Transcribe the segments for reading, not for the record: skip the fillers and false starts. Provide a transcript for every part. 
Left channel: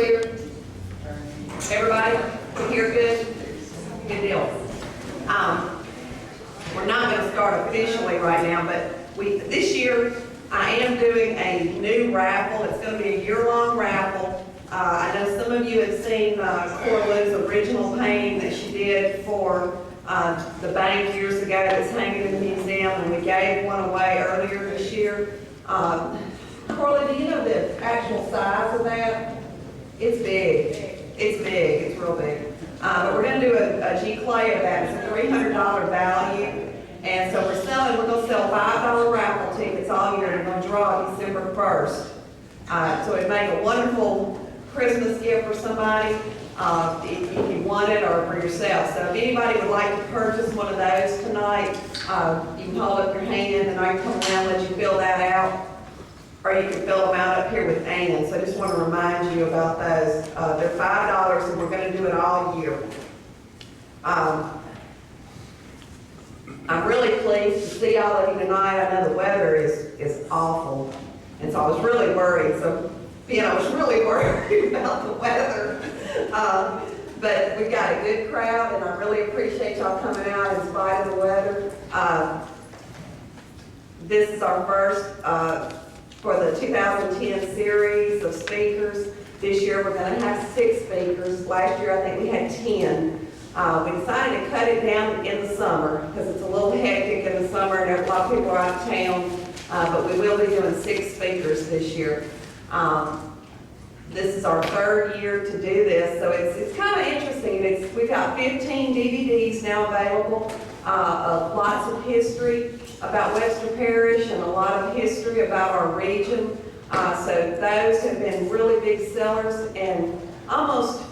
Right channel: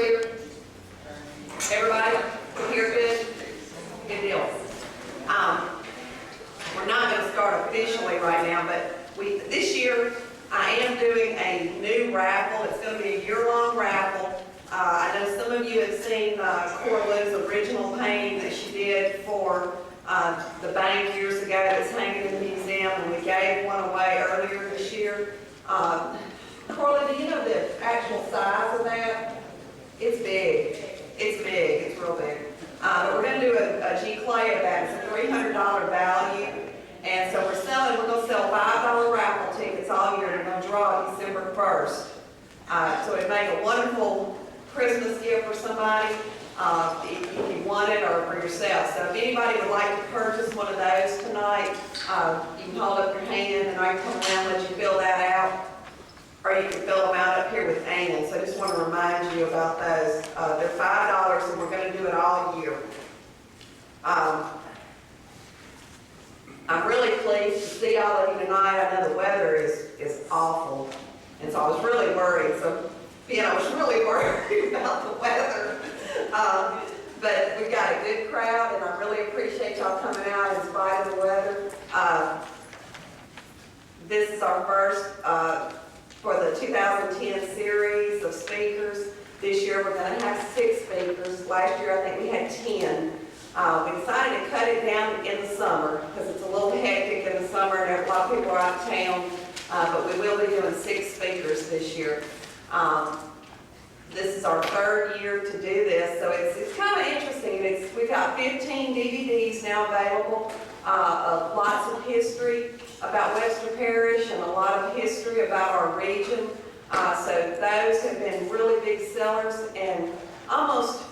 clear? Everybody can hear good? Good deal. We're not going to start officially right now, but this year I am doing a new raffle. It's going to be a year-long raffle. I know some of you have seen Coraloo's original painting that she did for the bank years ago that's hanging in the museum, and we gave one away earlier this year. Coraloo, do you know the actual size of that? It's big. It's big. It's real big. But we're going to do a G-clay of that. It's a $300 value. And so we're going to sell $5 raffle tickets all year, and we're going to draw December 1st. So it'd make a wonderful Christmas gift for somebody if you want it, or for yourself. So if anybody would like to purchase one of those tonight, you can hold up your hand and I can come around and let you fill that out. Or you can fill them out up here with Ann. So I just want to remind you about those. They're $5 and we're going to do it all year. I'm really pleased to see all of you tonight. I know the weather is awful. And so I was really worried. So, I was really worried about the weather. But we've got a good crowd, and I really appreciate y'all coming out in spite of the weather. This is our first for the 2010 series of speakers. This year we're going to have 6 speakers. Last year I think we had 10. We decided to cut it down in the summer because it's a little hectic in the summer and a lot of people are out of town. But we will be doing 6 speakers this year. This is our 3rd year to do this, so it's kind of interesting. We've got 15 DVDs now available, of lots of history about Webster Parish and a lot of history about our region. So those have been really big sellers, and almost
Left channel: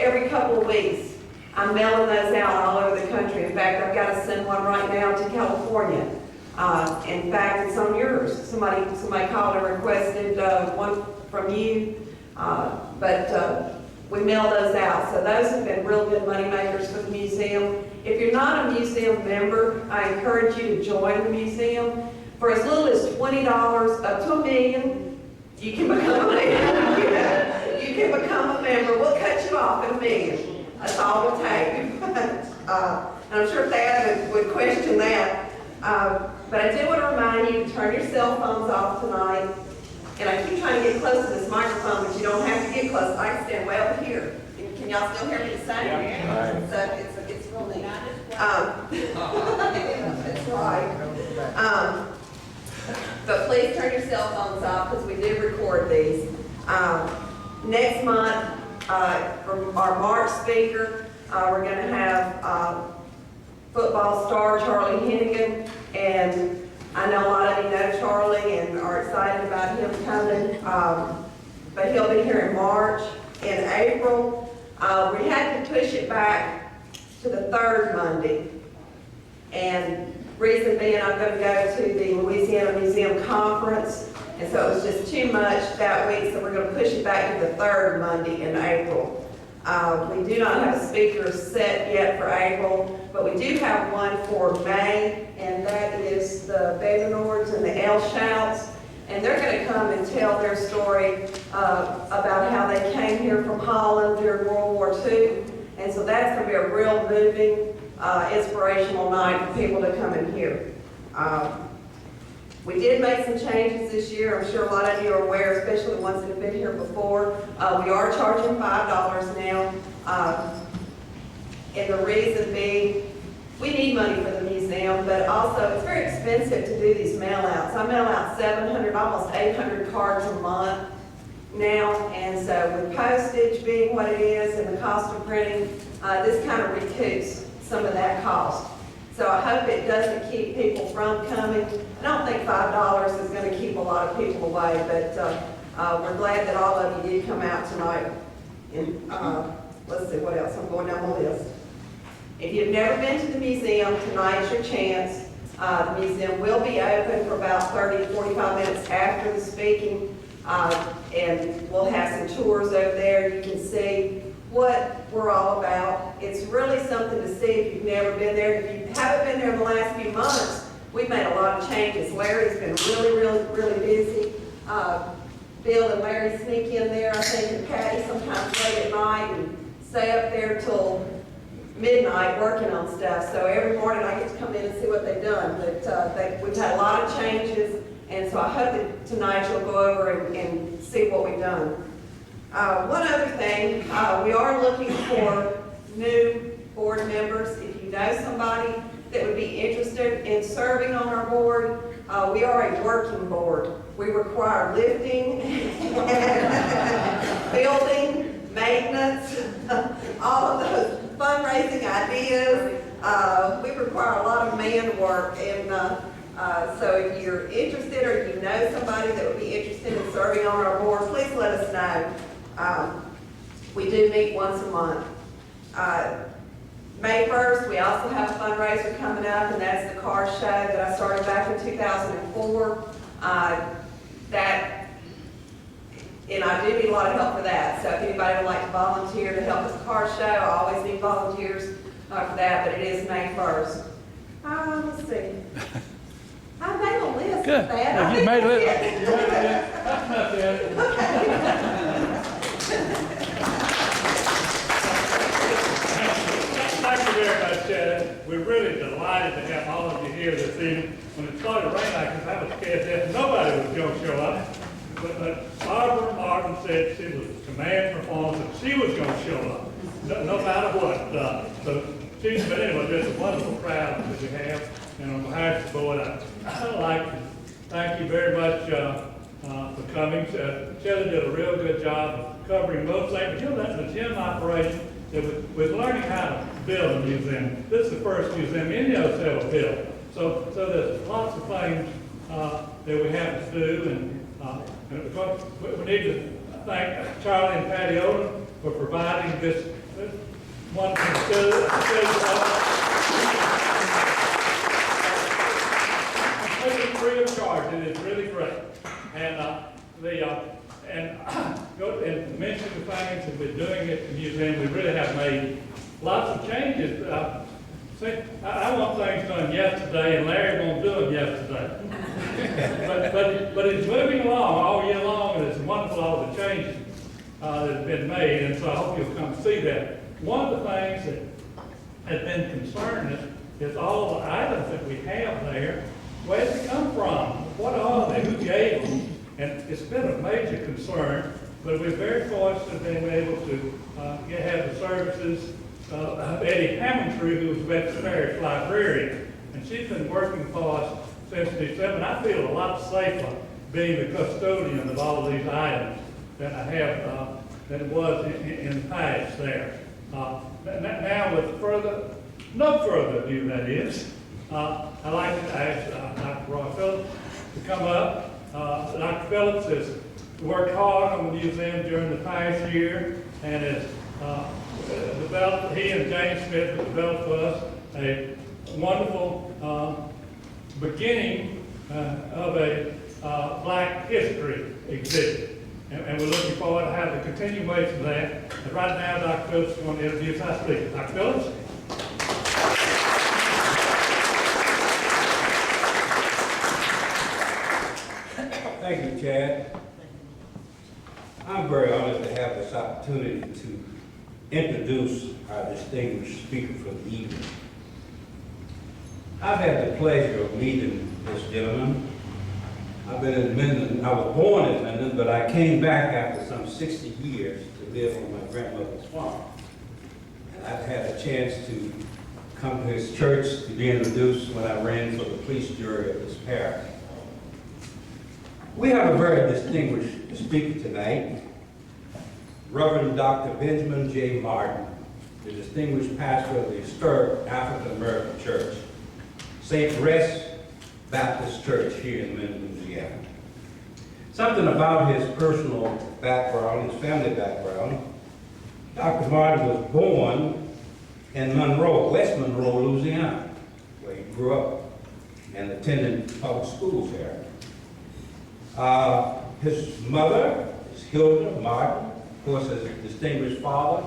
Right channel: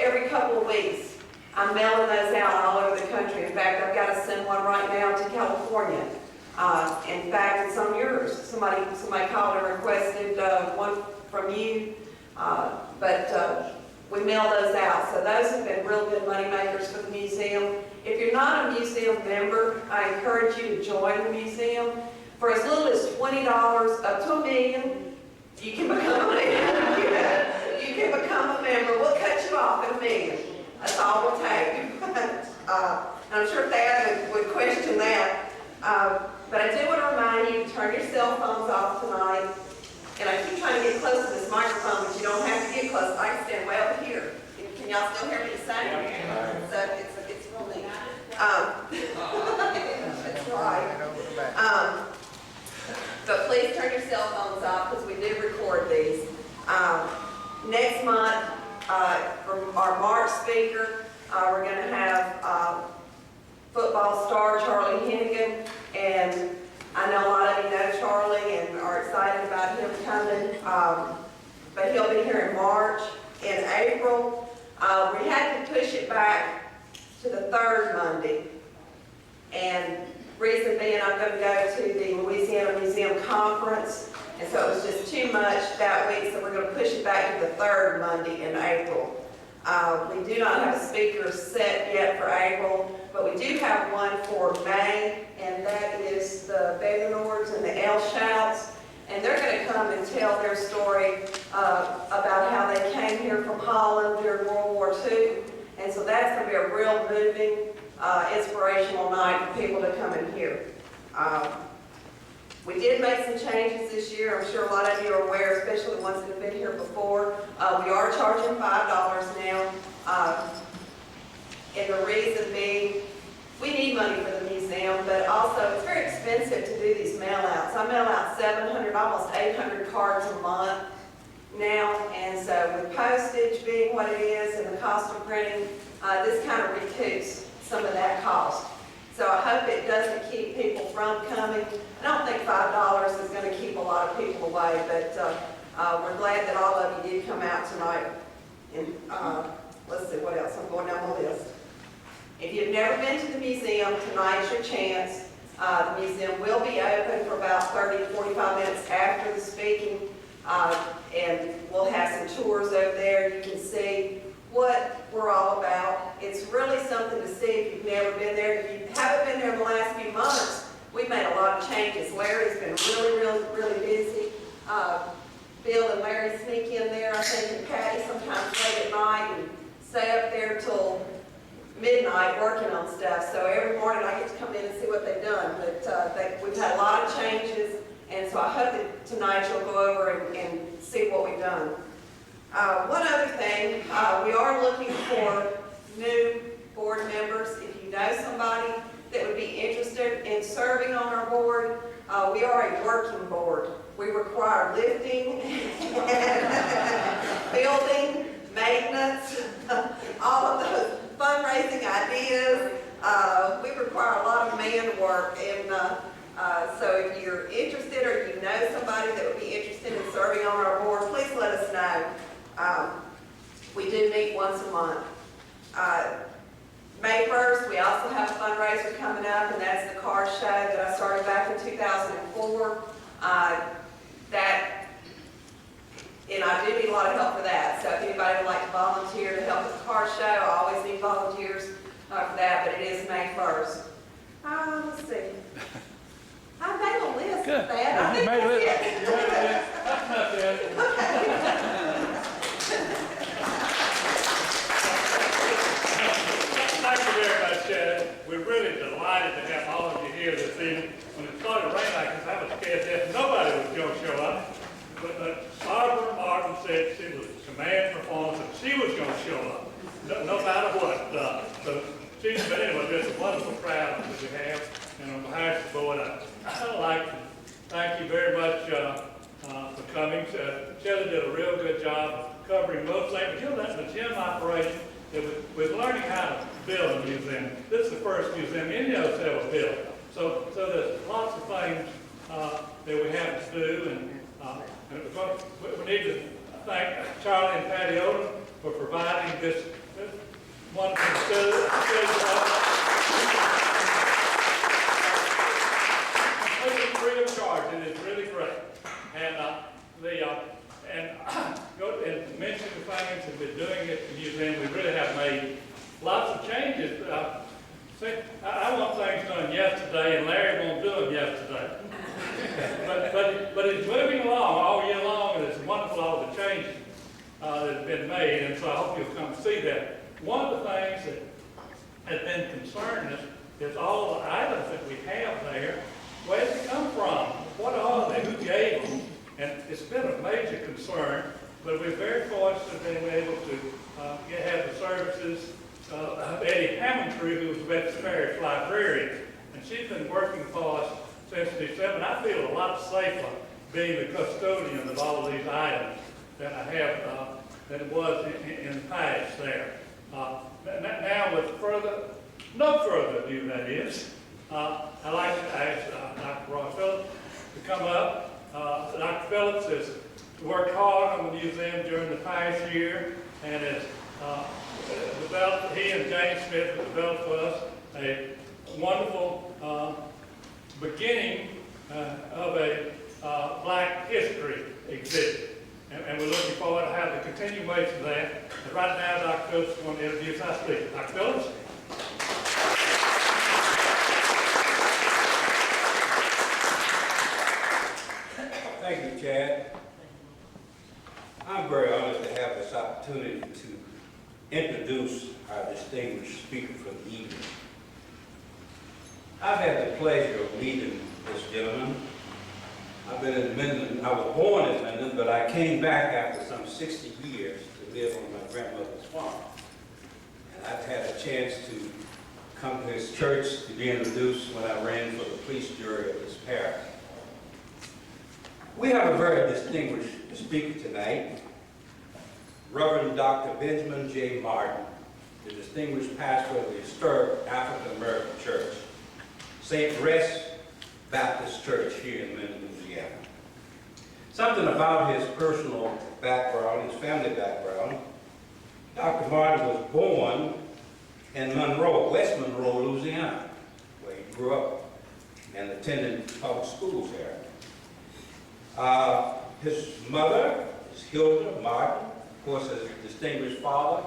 every couple of weeks I'm mailing those out all over the country. In fact, I've got to send one right now to California. In fact, it's on yours. Somebody called and requested one from you, but we mail those out. So those have been real good money makers for the museum. If you're not a museum member, I encourage you to join the museum. For as little as $20 up to $1 million, you can become a member. You can become a member. We'll cut you off at $1 million. That's all we'll take. And I'm sure Thad would question that. But I do want to remind you to turn your cell phones off tonight. And I keep trying to get close to this microphone, but you don't have to get close. I can stand way over here. Can y'all still hear me the same? Yeah. So it's real neat. That's right. But please turn your cell phones off because we do record these. Next month, from our March speaker, we're going to have football star Charlie Hennigan, and I know a lot of you know Charlie and are excited about him coming, but he'll be here in March. In April, we had to push it back to the 3rd Monday, and reason being I'm going to go to the Louisiana Museum Conference, and so it was just too much that week, so we're going to push it back to the 3rd Monday in April. We do not have a speaker set yet for April, but we do have one for May, and that is the Vandernoords and the Elshouts, and they're going to come and tell their story about how they came here from Holland during World War II, and so that's going to be a real moving, inspirational night for people to come and hear. We did make some changes this year. I'm sure a lot of you are aware, especially the ones that have been here before. We are charging $5 now. And the reason being, we need money for the museum, but also it's very expensive to do these mail outs. I mail out 700, almost 800 cards a month now. And so with postage being what it is and the cost of printing, this kind of recoups some of that cost. So I hope it doesn't keep people from coming. I don't think $5 is going to keep a lot of people away, but we're glad that all of you did come out tonight. And let's see what else. I'm going down the list. If you've never been to the museum, tonight's your chance. The museum will be open for about 30 to 45 minutes after the speaking, and we'll have some tours over there. You can see what we're all about. It's really something to see if you've never been there. If you haven't been there in the last few months, we've made a lot of changes. Larry's been really busy. Bill and Larry sneak in there, I think, and Patty sometimes late at night and stay up there till midnight working on stuff. So every morning I get to come in and see what they've done. But we've had a lot of changes, and so I hope that tonight you'll go over and see what we've done. One other thing, we are looking for new board members. If you know somebody that would be interested in serving on our board, we are a working board. We require lifting, building, maintenance, all of those fundraising ideas. We require a lot of man work, and so if you're interested or you know somebody that would be interested in serving on our board, please let us know. We do meet once a month. May 1st, we also have a fundraiser coming up, and that's the car show that I started back in 2004. And I do need a lot of help for that. So if anybody would like to volunteer to help with the car show, I always need volunteers for that, but it is May 1st. Let's see. I made a list Good. of that. You made a list. Thank you very much, Chad. We're really delighted to have all of you here this evening. When it started raining like this, I was scared that nobody was going to show up. But Barbara Martin said she was a command performance and she was going to show up, no matter what. So but anyway, there's a wonderful crowd that we have. And on behalf of the board, I'd like to thank you very much for coming. Shelley did a real good job of covering most things. But you know, that's the gym operation. We're learning how to build a museum. This is the first museum any of us ever built. So there's lots of things that we have to do, and of course, we need to thank Charlie and Patty Odom for providing this wonderful facility. It's free of charge. It is really great. And mention the things that we're doing at the museum. We really have made lots of changes. I want things done yesterday, and Larry won't do them yesterday. but it's moving along all year long, and it's wonderful all the changes that have been made, and so I hope you'll come see that. One of the things that has been concerning us is all the items that we have there. Where did they come from? What are they? Who gave them? And it's been a major concern, but we're very fortunate being able to have the services of Eddie Hammontree, who was Webster Parish librarian, and she's been working for us since December, and I feel a lot safer being the custodian of all of these items than I have than it was in the past there. Now, with no further ado, that is, I'd like to ask Dr. Roy Phillips to come up. Dr. Phillips has worked hard on the museum during the past year and has developed, he and James Smith have developed for us a wonderful beginning of a Black history exhibit. And we're looking forward to have the continuation of that. And right now, Dr. Phillips is going to introduce our speaker. Dr. Phillips? Thank you, Chad. I'm very honored to have this opportunity to introduce our distinguished speaker for the evening. I've had the pleasure of meeting this gentleman. I've been in Minden. I was born in Minden, but I came back after some 60 years to live on my grandmother's farm. And I've had a chance to come to his church to be introduced when I ran for the police jury of this parish. We have a very distinguished speaker tonight, Reverend Dr. Benjamin J. Martin, the distinguished pastor of the historic African American Church, St. Rest Baptist Church here in Minden, Louisiana. Something about his personal background, his family background. Dr. Martin was born in Monroe, West Monroe, Louisiana, where he grew up and attended public schools there. His mother is Hilda Martin, of course, his distinguished father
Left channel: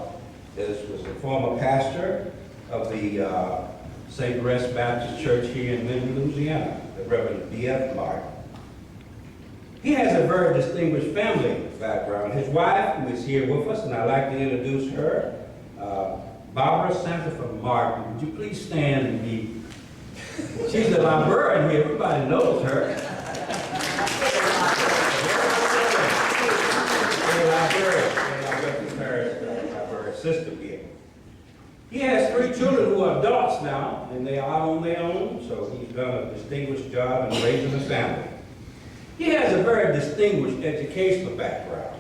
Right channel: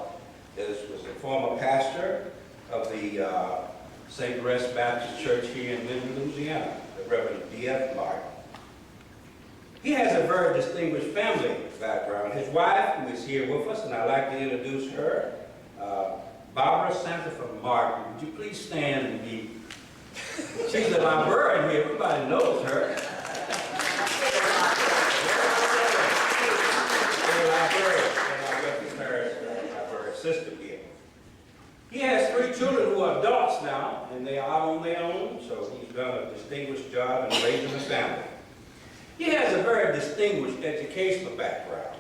was a former pastor of the St. Rest Baptist Church here in Minden, Louisiana, the Reverend B.F. Martin. He has a very distinguished family background. His wife, who is here with us, and I'd like to introduce her, Barbara Sanford Martin. Would you please stand and be? She's a librarian here. Everybody knows her. Librarian system here. He has 3 children who are adults now, and they are out on their own, so he's done a distinguished job in raising a family. He has a very distinguished educational background.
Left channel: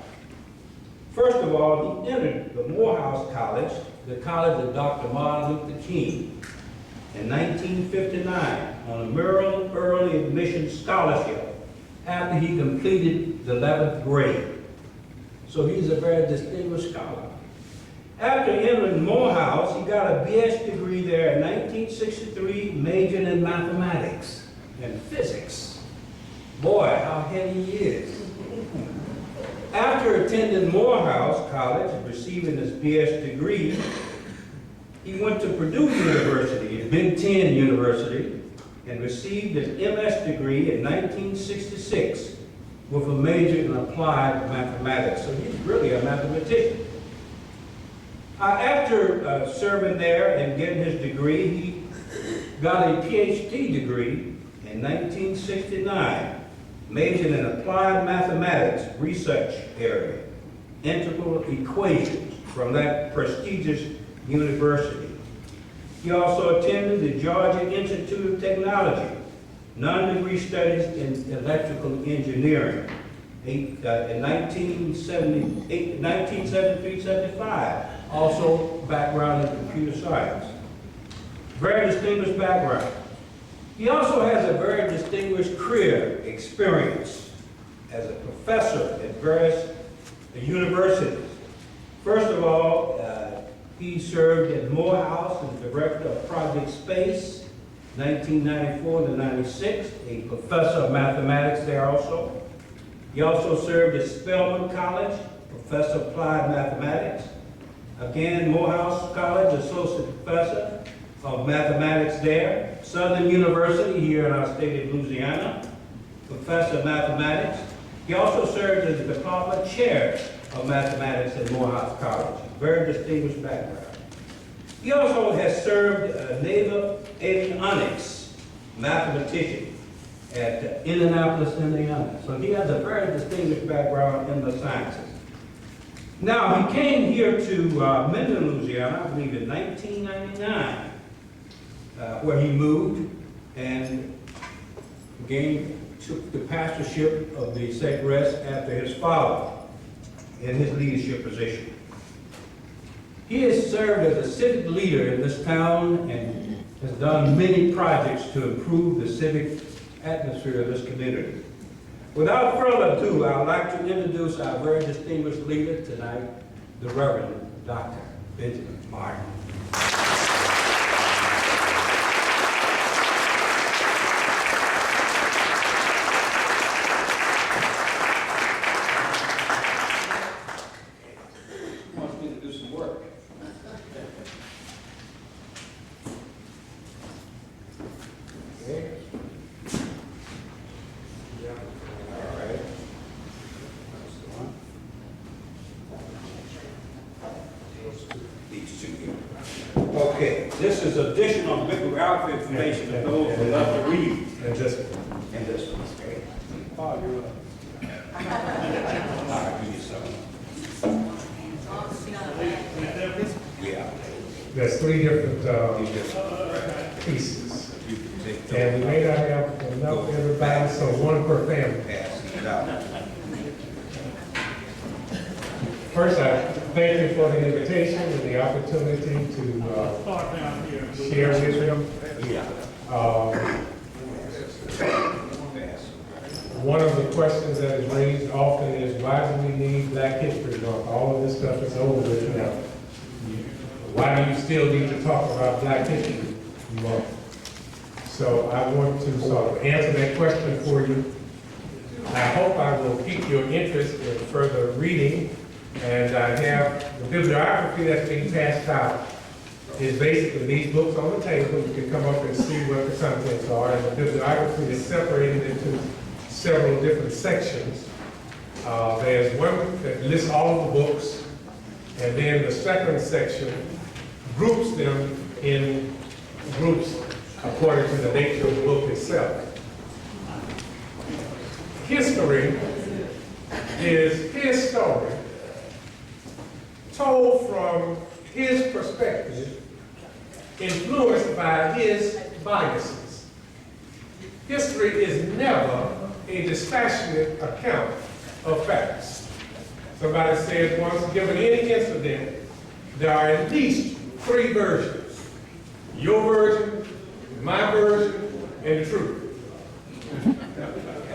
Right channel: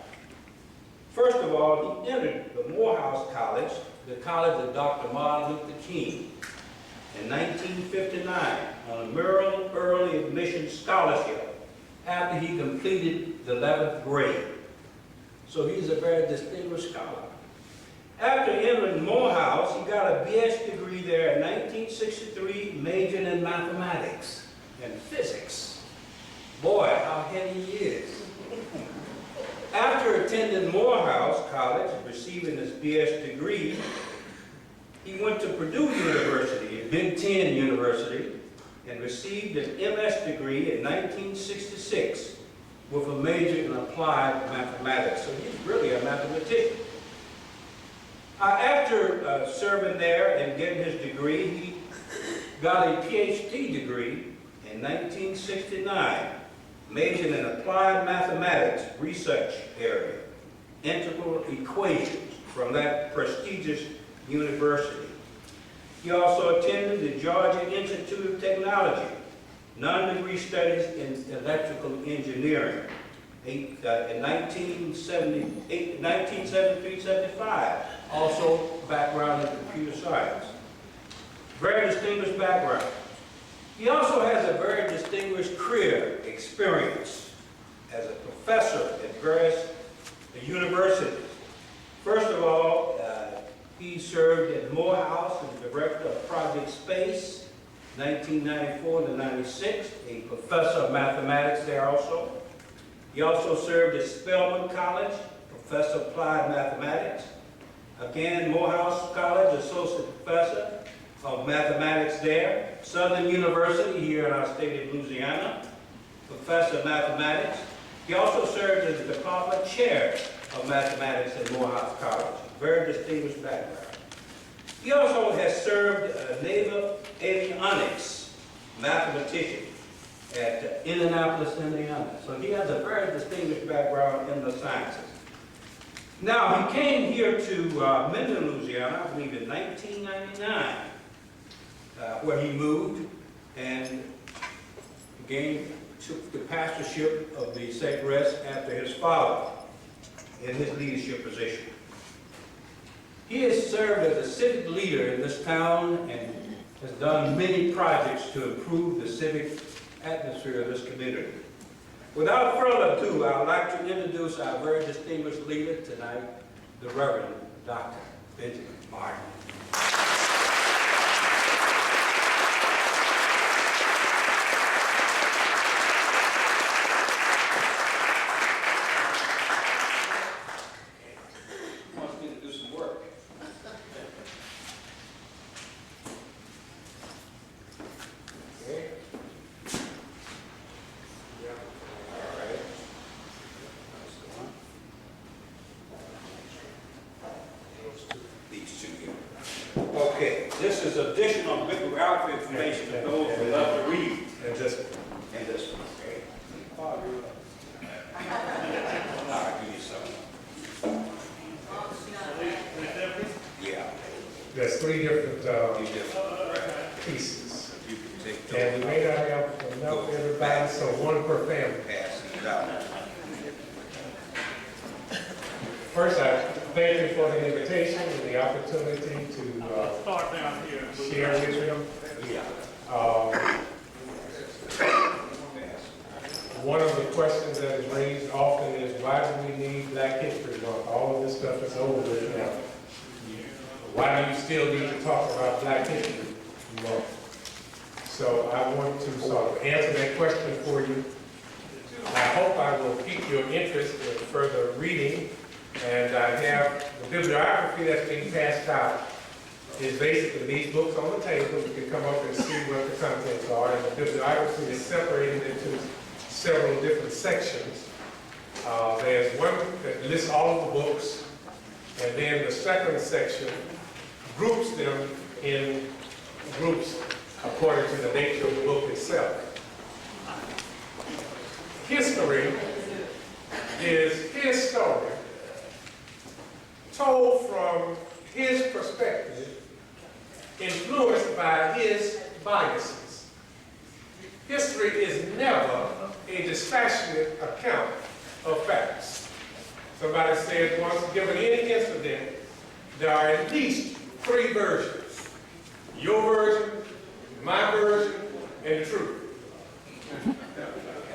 First of all, he entered the Morehouse College, the College of Dr. Martin Luther King, in 1959 on a Maryland Early Admission Scholarship after he completed the 11th grade. So he's a very distinguished scholar. After entering Morehouse, he got a BS degree there in 1963, majoring in mathematics and physics. Boy, how heady he is. After attending Morehouse College and receiving his BS degree, he went to Purdue University, a Big Ten university, and received an MS degree in 1966 with a major in applied mathematics. So he's really a mathematician. After serving there and getting his degree, he got a PhD degree in 1969, majoring in applied mathematics research area, integral equations from that prestigious university. He also attended the Georgia Institute of Technology, non-degree studies in electrical engineering in 1973-75. Also background in computer science. Very distinguished background. He also has a very distinguished career experience as a professor at various universities. First of all, he served at Morehouse as director of Project Space, 1994 to 96, a professor of mathematics there also. He also served at Spelman College, professor of applied mathematics. Again, Morehouse College, associate professor of mathematics there. Southern University here in our state of Louisiana, professor of mathematics. He also served as the department chair of mathematics at Morehouse College. Very distinguished background. He also has served naval avionics mathematician at Indianapolis, Indiana. So he has a very distinguished background in the sciences. Now, he came here to Minden, Louisiana, I believe in 1999, where he moved and again took the pastorship of the Sacred Rest after his father in his leadership position. He has served as a civic leader in this town and has done many projects to improve the civic atmosphere of this community. Without further ado, I would like to introduce our very distinguished leader tonight, the Reverend Dr. Benjamin Martin. He wants me to do some work. Okay. Okay, this is additional bibliography information for those who love to read. And this one. And this one, okay? Oh, you're up. I'll give you some. Yeah. There's 3 different You just, pieces. you can take And we those. may not have enough for everybody, so 1 per family. Pass these out. First, I thank you for the invitation and the opportunity to Start down here. share with them. Yeah. One of the questions that is raised often is, why do we need Black History Month? All of this stuff is over with now. Why do you still need to talk about Black History Month? So I want to sort of answer that question for you. I hope I will pique your interest in further reading. And I have the bibliography that's being passed out is basically these books on the table. You can come up and see what the contents are. And the bibliography is separated into several different sections. There's one that lists all of the books, and then the second section groups them in groups according to the nature of the book itself. History is his story, told from his perspective, influenced by his biases. History is never a dispassionate account of facts. Somebody said once, given any incident, there are at least 3 versions. Your version, my version, and the truth.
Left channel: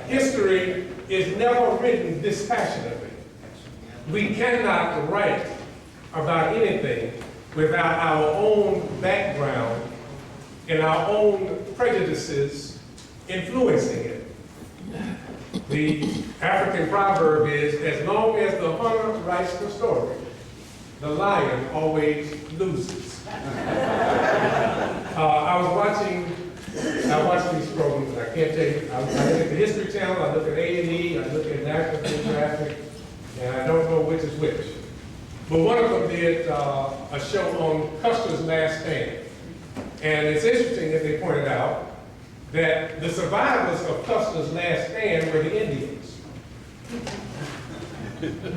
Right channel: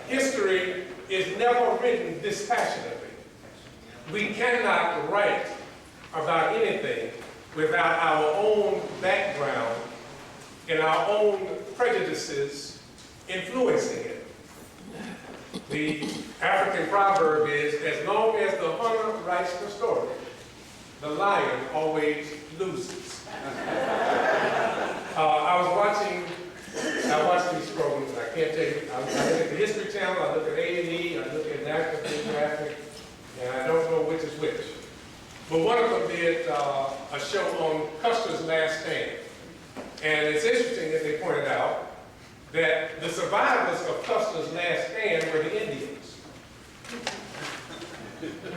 History is never written dispassionately. We cannot write about anything without our own background and our own prejudices influencing it. The African proverb is, as long as the hunter writes the story, the lion always loses. I watch these programs, and I can't tell you, I look at the History Channel, I look at A&E, I look at National Geographic, and I don't know which is which. But one of them did a show on Custer's Last Stand. And it's interesting that they pointed out that the survivors of Custer's Last Stand were the Indians.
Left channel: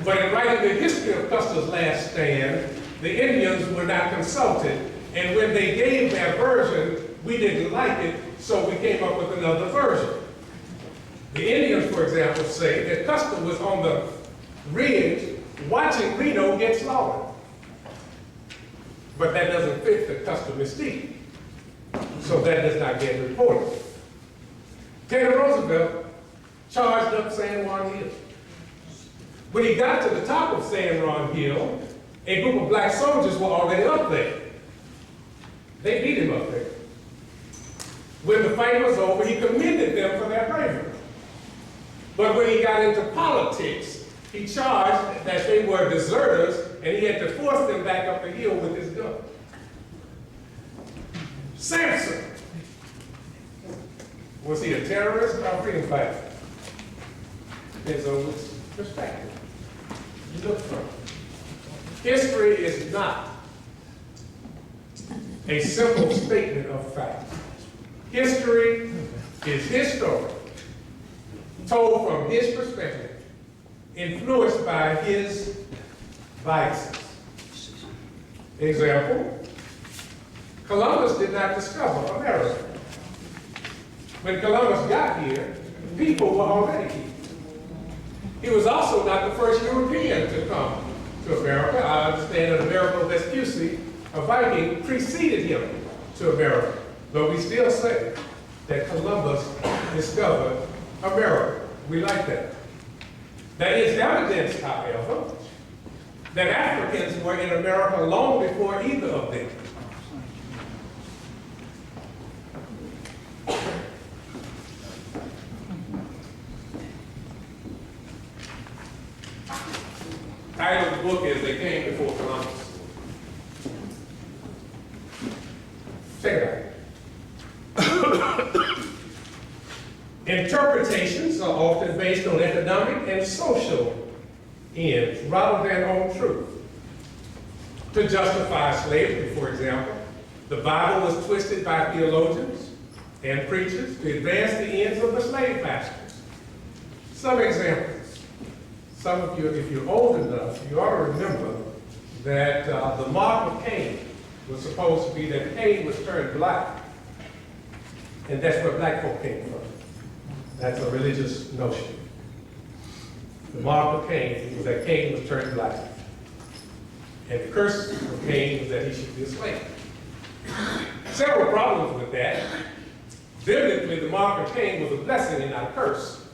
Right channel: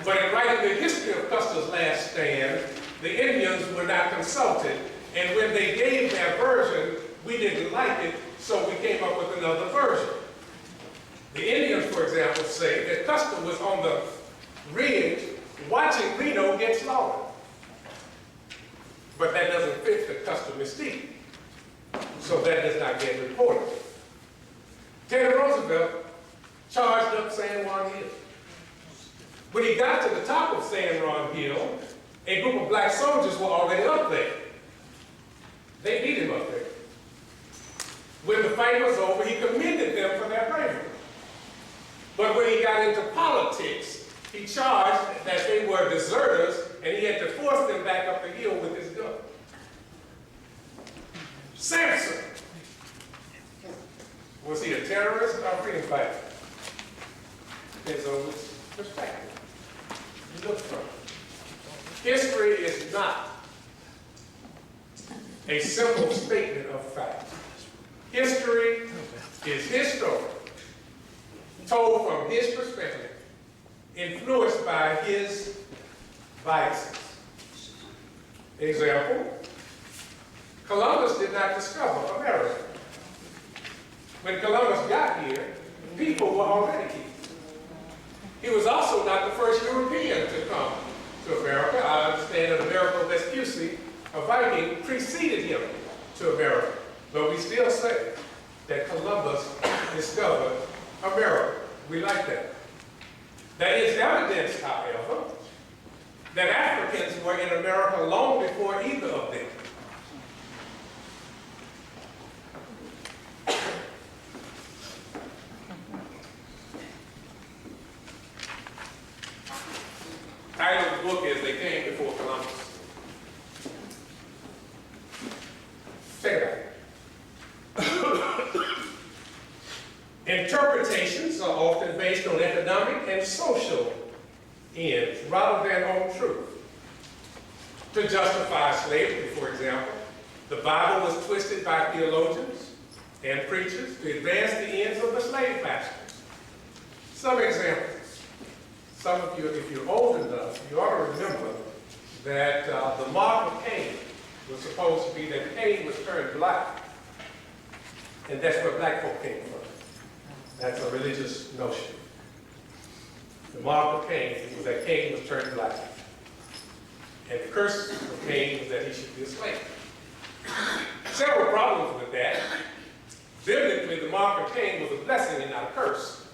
But in writing the history of Custer's Last Stand, the Indians were not consulted, and when they gave their version, we didn't like it, so we came up with another version. The Indians, for example, say that Custer was on the ridge watching Reno get slaughtered. But that doesn't fit the Custer mystique, so that does not get reported. Teddy Roosevelt charged up San Juan Hill. When he got to the top of San Juan Hill, a group of black soldiers were already up there. They beat him up there. When the fight was over, he commended them for their bravery. But when he got into politics, he charged that they were deserters, and he had to force them back up the hill with his gun. Samson. Was he a terrorist or a freedom fighter? Depends on which perspective you look from. History is not a simple statement of fact. History is his story, told from his perspective, influenced by his biases. Example, Columbus did not discover America. When Columbus got here, people were already here. He was also not the first European to come to America. I understand that Amerigo Vespucci, a Viking, preceded him to America. But we still say that Columbus discovered America. We like that. There is evidence, however, that Africans were in America long before either of them. Title of the book is They Came Before Columbus. Check it out. Interpretations are often based on economic and social ends rather than on truth. To justify slavery, for example, the Bible was twisted by theologians and preachers to advance the ends of the slave masters. Some examples. Some of you, if you're old enough, you ought to remember that the mark of Cain was supposed to be that Cain was turned black. And that's where black folk came from. That's a religious notion. The mark of Cain was that Cain was turned black. And the curse of Cain was that he should be a slave. Several problems with that. Biblically, the mark of Cain was a blessing and not a curse.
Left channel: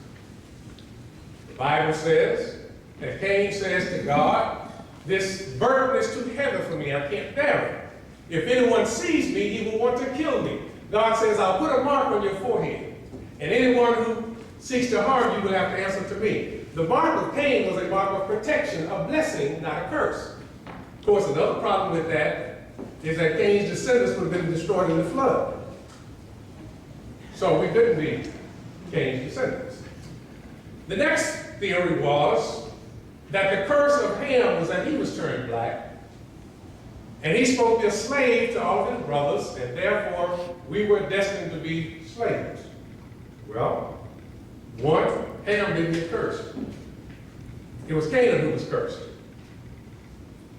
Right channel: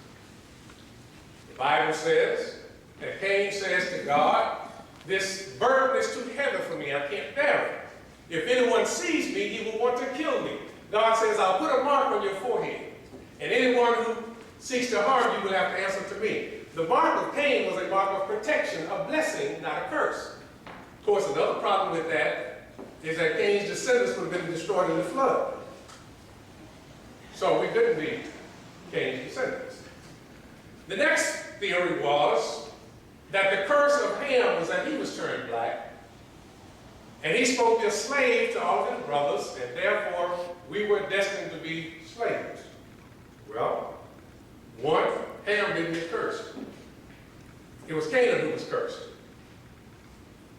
The Bible says that Cain says to God, this burden is too heavy for me, I can't bear it. If anyone sees me, he will want to kill me. God says, I'll put a mark on your forehead. And anyone who seeks to harm you will have to answer to me. The mark of Cain was a mark of protection, a blessing, not a curse. Of course, another problem with that is that Cain's descendants would have been destroyed in the flood. So we couldn't be Cain's descendants. The next theory was that the curse of Ham was that he was turned black, and he spoke as slave to all of his brothers, and therefore we were destined to be slaves. Well, one, Ham didn't get cursed. It was Canaan who was cursed.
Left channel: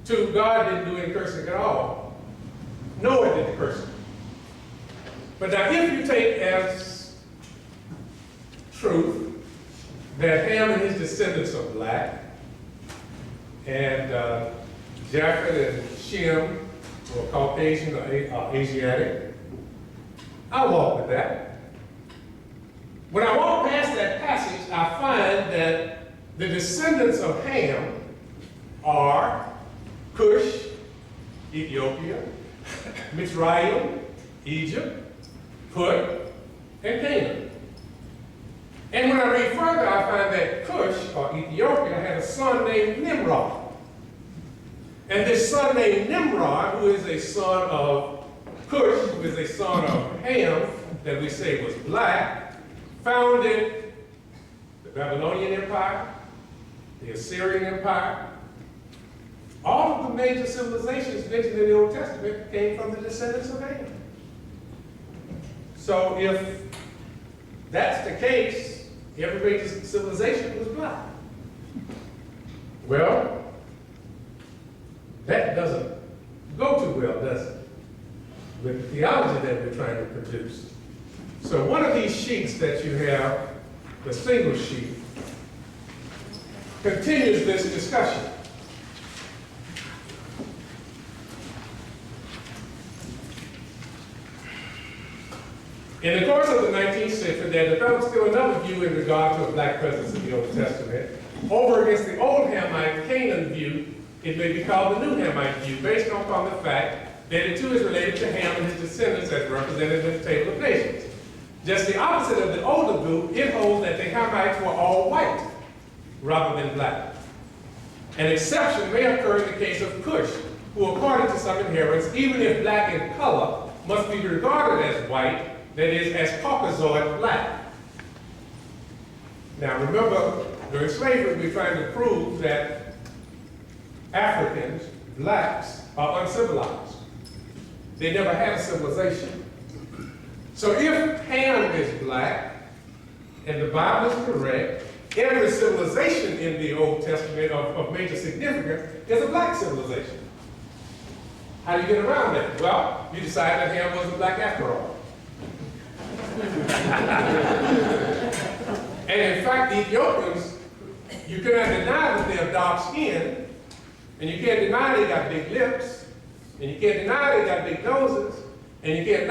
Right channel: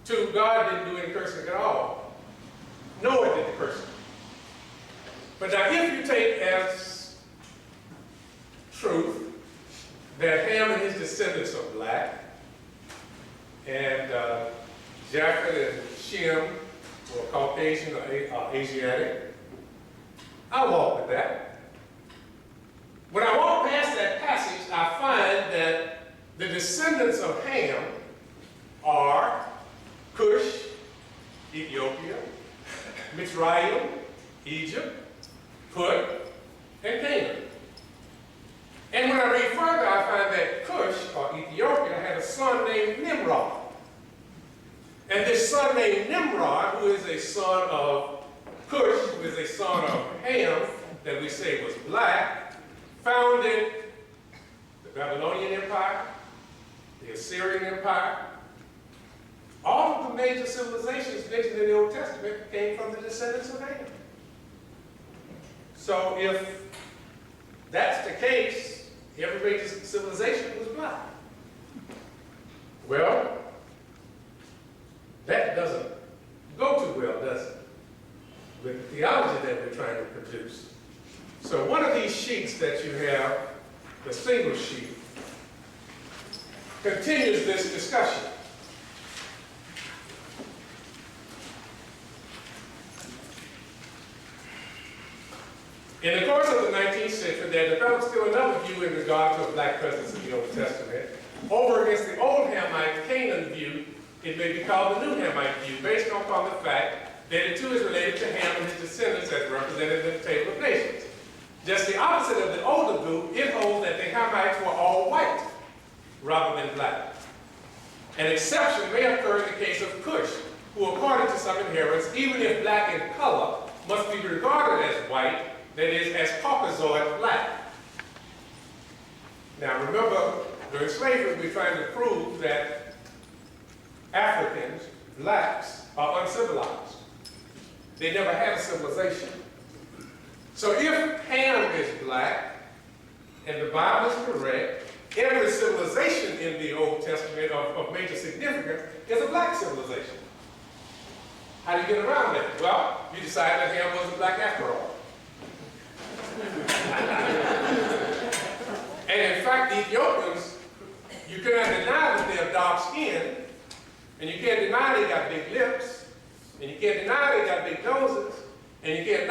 Two, God didn't do any cursing at all. Noah did the cursing. But now if you take as truth that Ham and his descendants are black, and Japheth and Shem were Caucasian or Asiatic, I'll walk with that. When I walk past that passage, I find that the descendants of Ham are Cush, Ethiopia, Mitzrayim, Egypt, Put, and Canaan. And when I read further, I find that Cush, or Ethiopia, had a son named Nimrod. And this son named Nimrod, who is a son of Cush, who is a son of Ham, that we say was black, founded the Babylonian Empire, the Assyrian Empire. All of the major civilizations mentioned in the Old Testament came from the descendants of Ham. So if that's the case, every major civilization was black. Well, that doesn't go too well, does it? With the theology that we're trying to produce. So one of these sheets that you have, the single sheet, continues this discussion. In the course of the 19th century, there developed still another view in regard to a black presence in the Old Testament. Over against the old Hamite Canaan view, it may be called the new Hamite view, based upon the fact that it too is related to Ham and his descendants as represented in the Table of Nations. Just the opposite of the older view, it holds that the Hamites were all white rather than black. An exception may occur in the case of Cush, who according to some adherents, even if black in color, must be regarded as white, that is, as Caucasoid black. Now remember, during slavery, we're trying to prove that Africans, blacks, are uncivilized. They never had a civilization. So if Ham is black, and the Bible is correct, every civilization in the Old Testament of major significance is a black civilization. How do you get around that? Well, you decide that Ham wasn't black after all. And in fact, the Ethiopians, you cannot deny that they're dark skinned, and you can't deny they got big lips, and you can't deny they got big noses, and you can't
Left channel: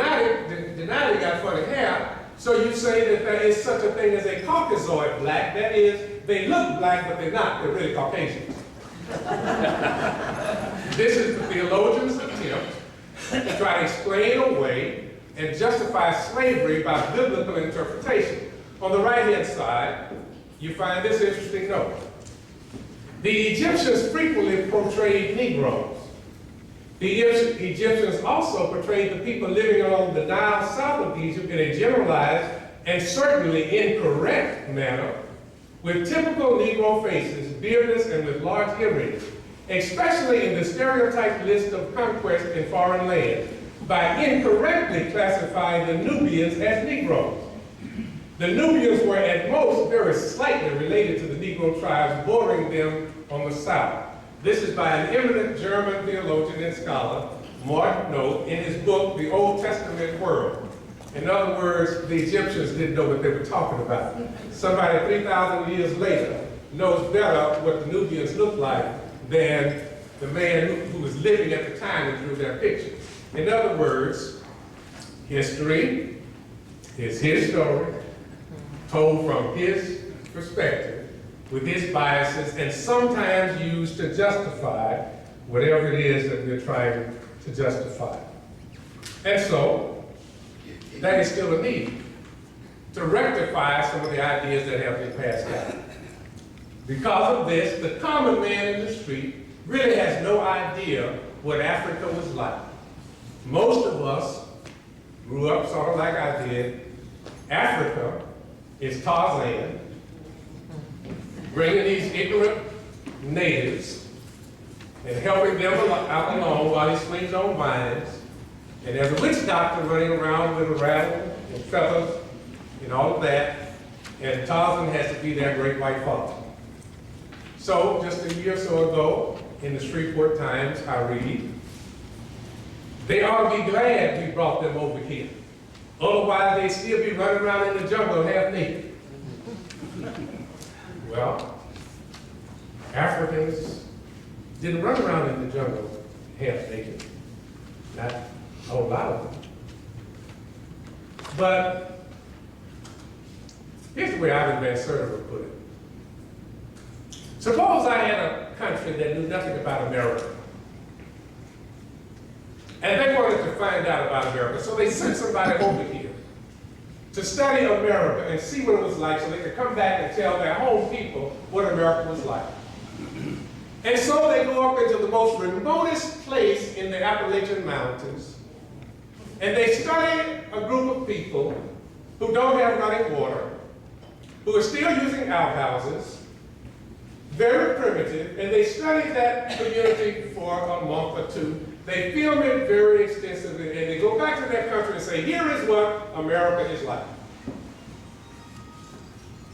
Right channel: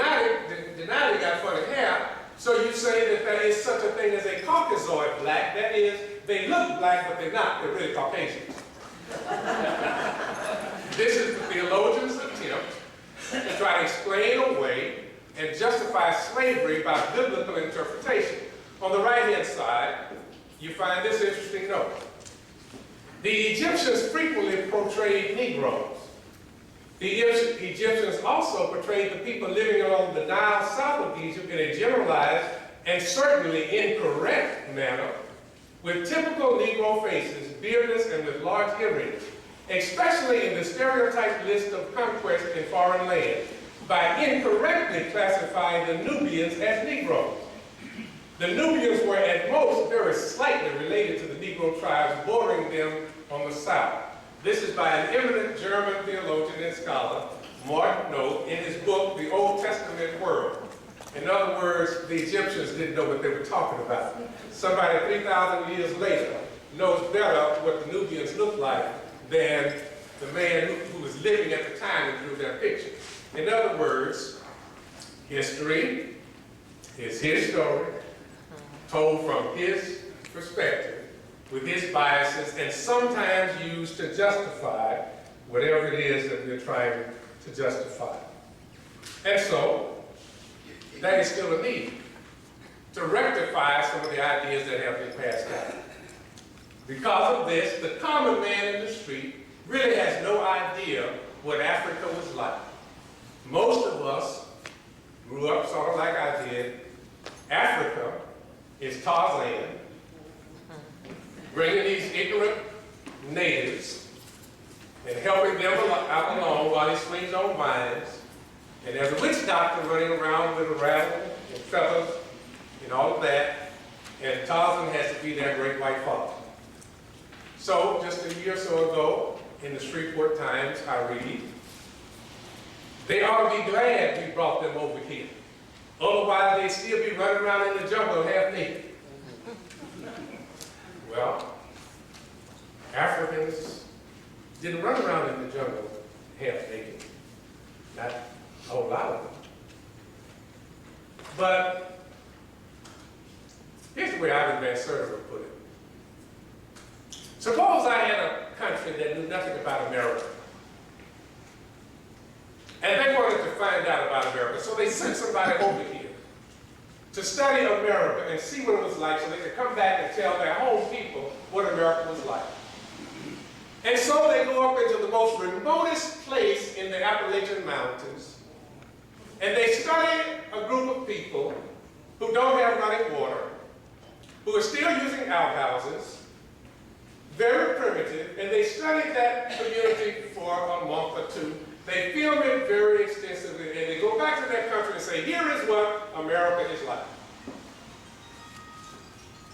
deny they got funny hair. So you say that there is such a thing as a Caucasoid black, that is, they look black, but they're not, they're really Caucasians. This is the theologian's attempt to try to explain away and justify slavery by biblical interpretation. On the right-hand side, you find this interesting note. The Egyptians frequently portrayed Negroes. The Egyptians also portrayed the people living along the Nile south of Egypt in a generalized and certainly incorrect manner, with typical Negro faces, beardless and with large earrings, especially in the stereotyped list of conquest in foreign lands, by incorrectly classifying the Nubians as Negroes. The Nubians were at most very slightly related to the Negro tribes bordering them on the south. This is by an eminent German theologian and scholar, Martin Noth, in his book, The Old Testament World. In other words, the Egyptians didn't know what they were talking about. Somebody 3,000 years later knows better what the Nubians looked like than the man who was living at the time and drew that picture. In other words, history is his story, told from his perspective, with his biases, and sometimes used to justify whatever it is that we're trying to justify. And so, that is still a need to rectify some of the ideas that have been passed down. Because of this, the common man in the street really has no idea what Africa was like. Most of us grew up sort of like I did. Africa is Tarzan, bringing these ignorant natives and helping them out along while he swings on vines. And there's a witch doctor running around with a rattle and feathers and all of that. And Tarzan has to be their great white father. So just a year or so ago, in the Shreveport Times, I read, they ought to be glad we brought them over here. Otherwise, they'd still be running around in the jungle half naked. Well, Africans didn't run around in the jungle half naked. Not a whole lot of them. But here's the way Ivan Van Sertima would put it. Suppose I had a country that knew nothing about America. And they wanted to find out about America, so they sent somebody over here to study America and see what it was like so they could come back and tell their home people what America was like. And so they go up into the most remotest place in the Appalachian Mountains, and they study a group of people who don't have running water, who are still using outhouses, very primitive, and they study that community for a month or two. They film it very extensively, and they go back to their country and say, here is what America is like.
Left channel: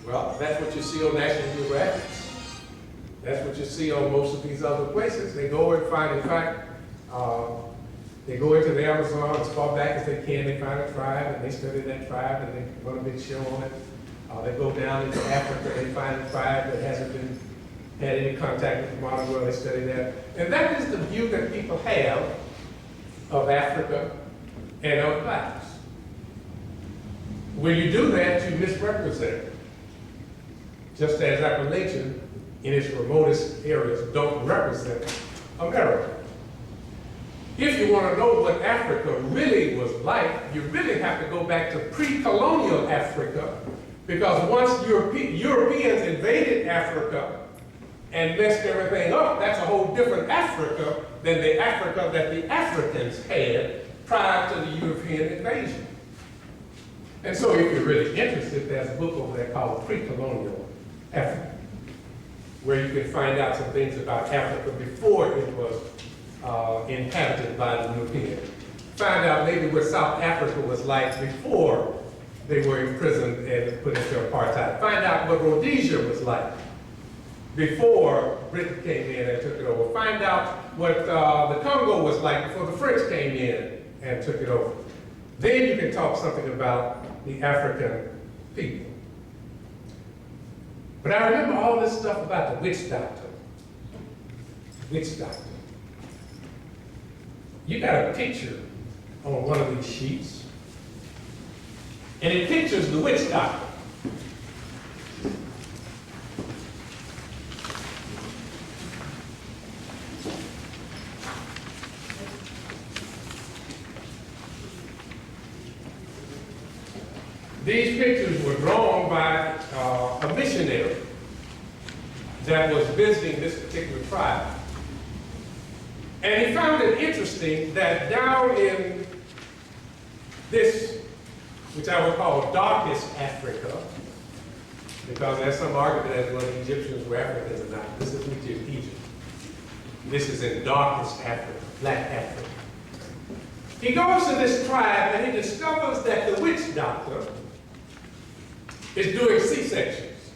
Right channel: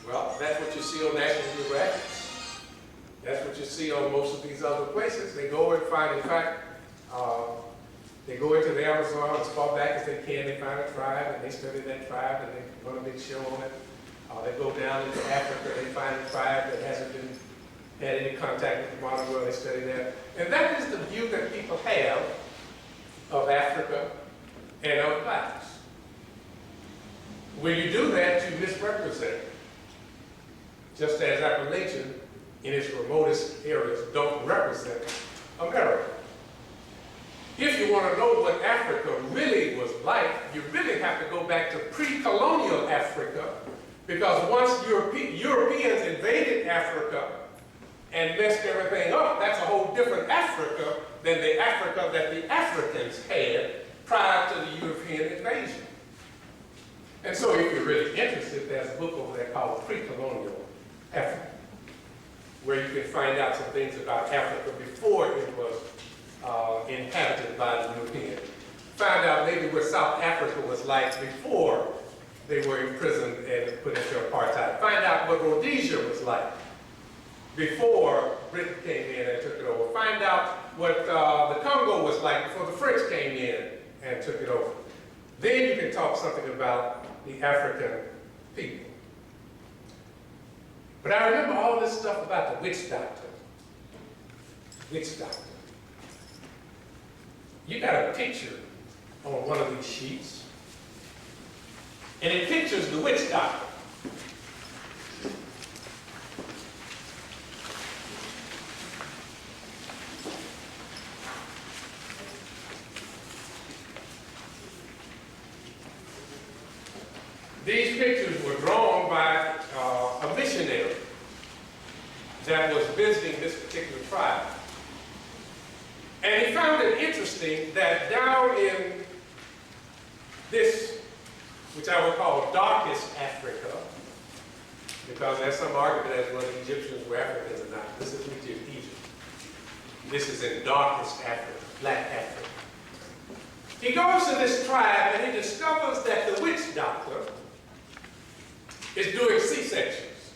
Well, that's what you see on National Geographic. That's what you see on most of these other places. They go and find, in fact, they go into the Amazon as far back as they can. They find a tribe, and they study that tribe, and they run a big show on it. They go down into Africa, they find a tribe that hasn't had any contact with the modern world, they study that. And that is the view that people have of Africa and of blacks. When you do that, you misrepresent. Just as Appalachian, in its remotest areas, don't represent America. If you want to know what Africa really was like, you really have to go back to pre-colonial Africa, because once Europeans invaded Africa and messed everything up, that's a whole different Africa than the Africa that the Africans had prior to the European invasion. And so if you're really interested, there's a book over there called Pre-Colonial Africa, where you can find out some things about Africa before it was inhabited by the Europeans. Find out maybe what South Africa was like before they were imprisoned and put into apartheid. Find out what Rhodesia was like before Britain came in and took it over. Find out what the Congo was like before the French came in and took it over. Then you can talk something about the African people. But I remember all this stuff about the witch doctor. Witch doctor. You got a picture on one of these sheets, and it pictures the witch doctor. These pictures were drawn by a missionary that was visiting this particular tribe. And he found it interesting that down in this, which I would call darkest Africa, because there's some argument as whether the Egyptians were Africans or not. This is Egypt. This is in darkest Africa, black Africa. He goes to this tribe and he discovers that the witch doctor is doing C-sections.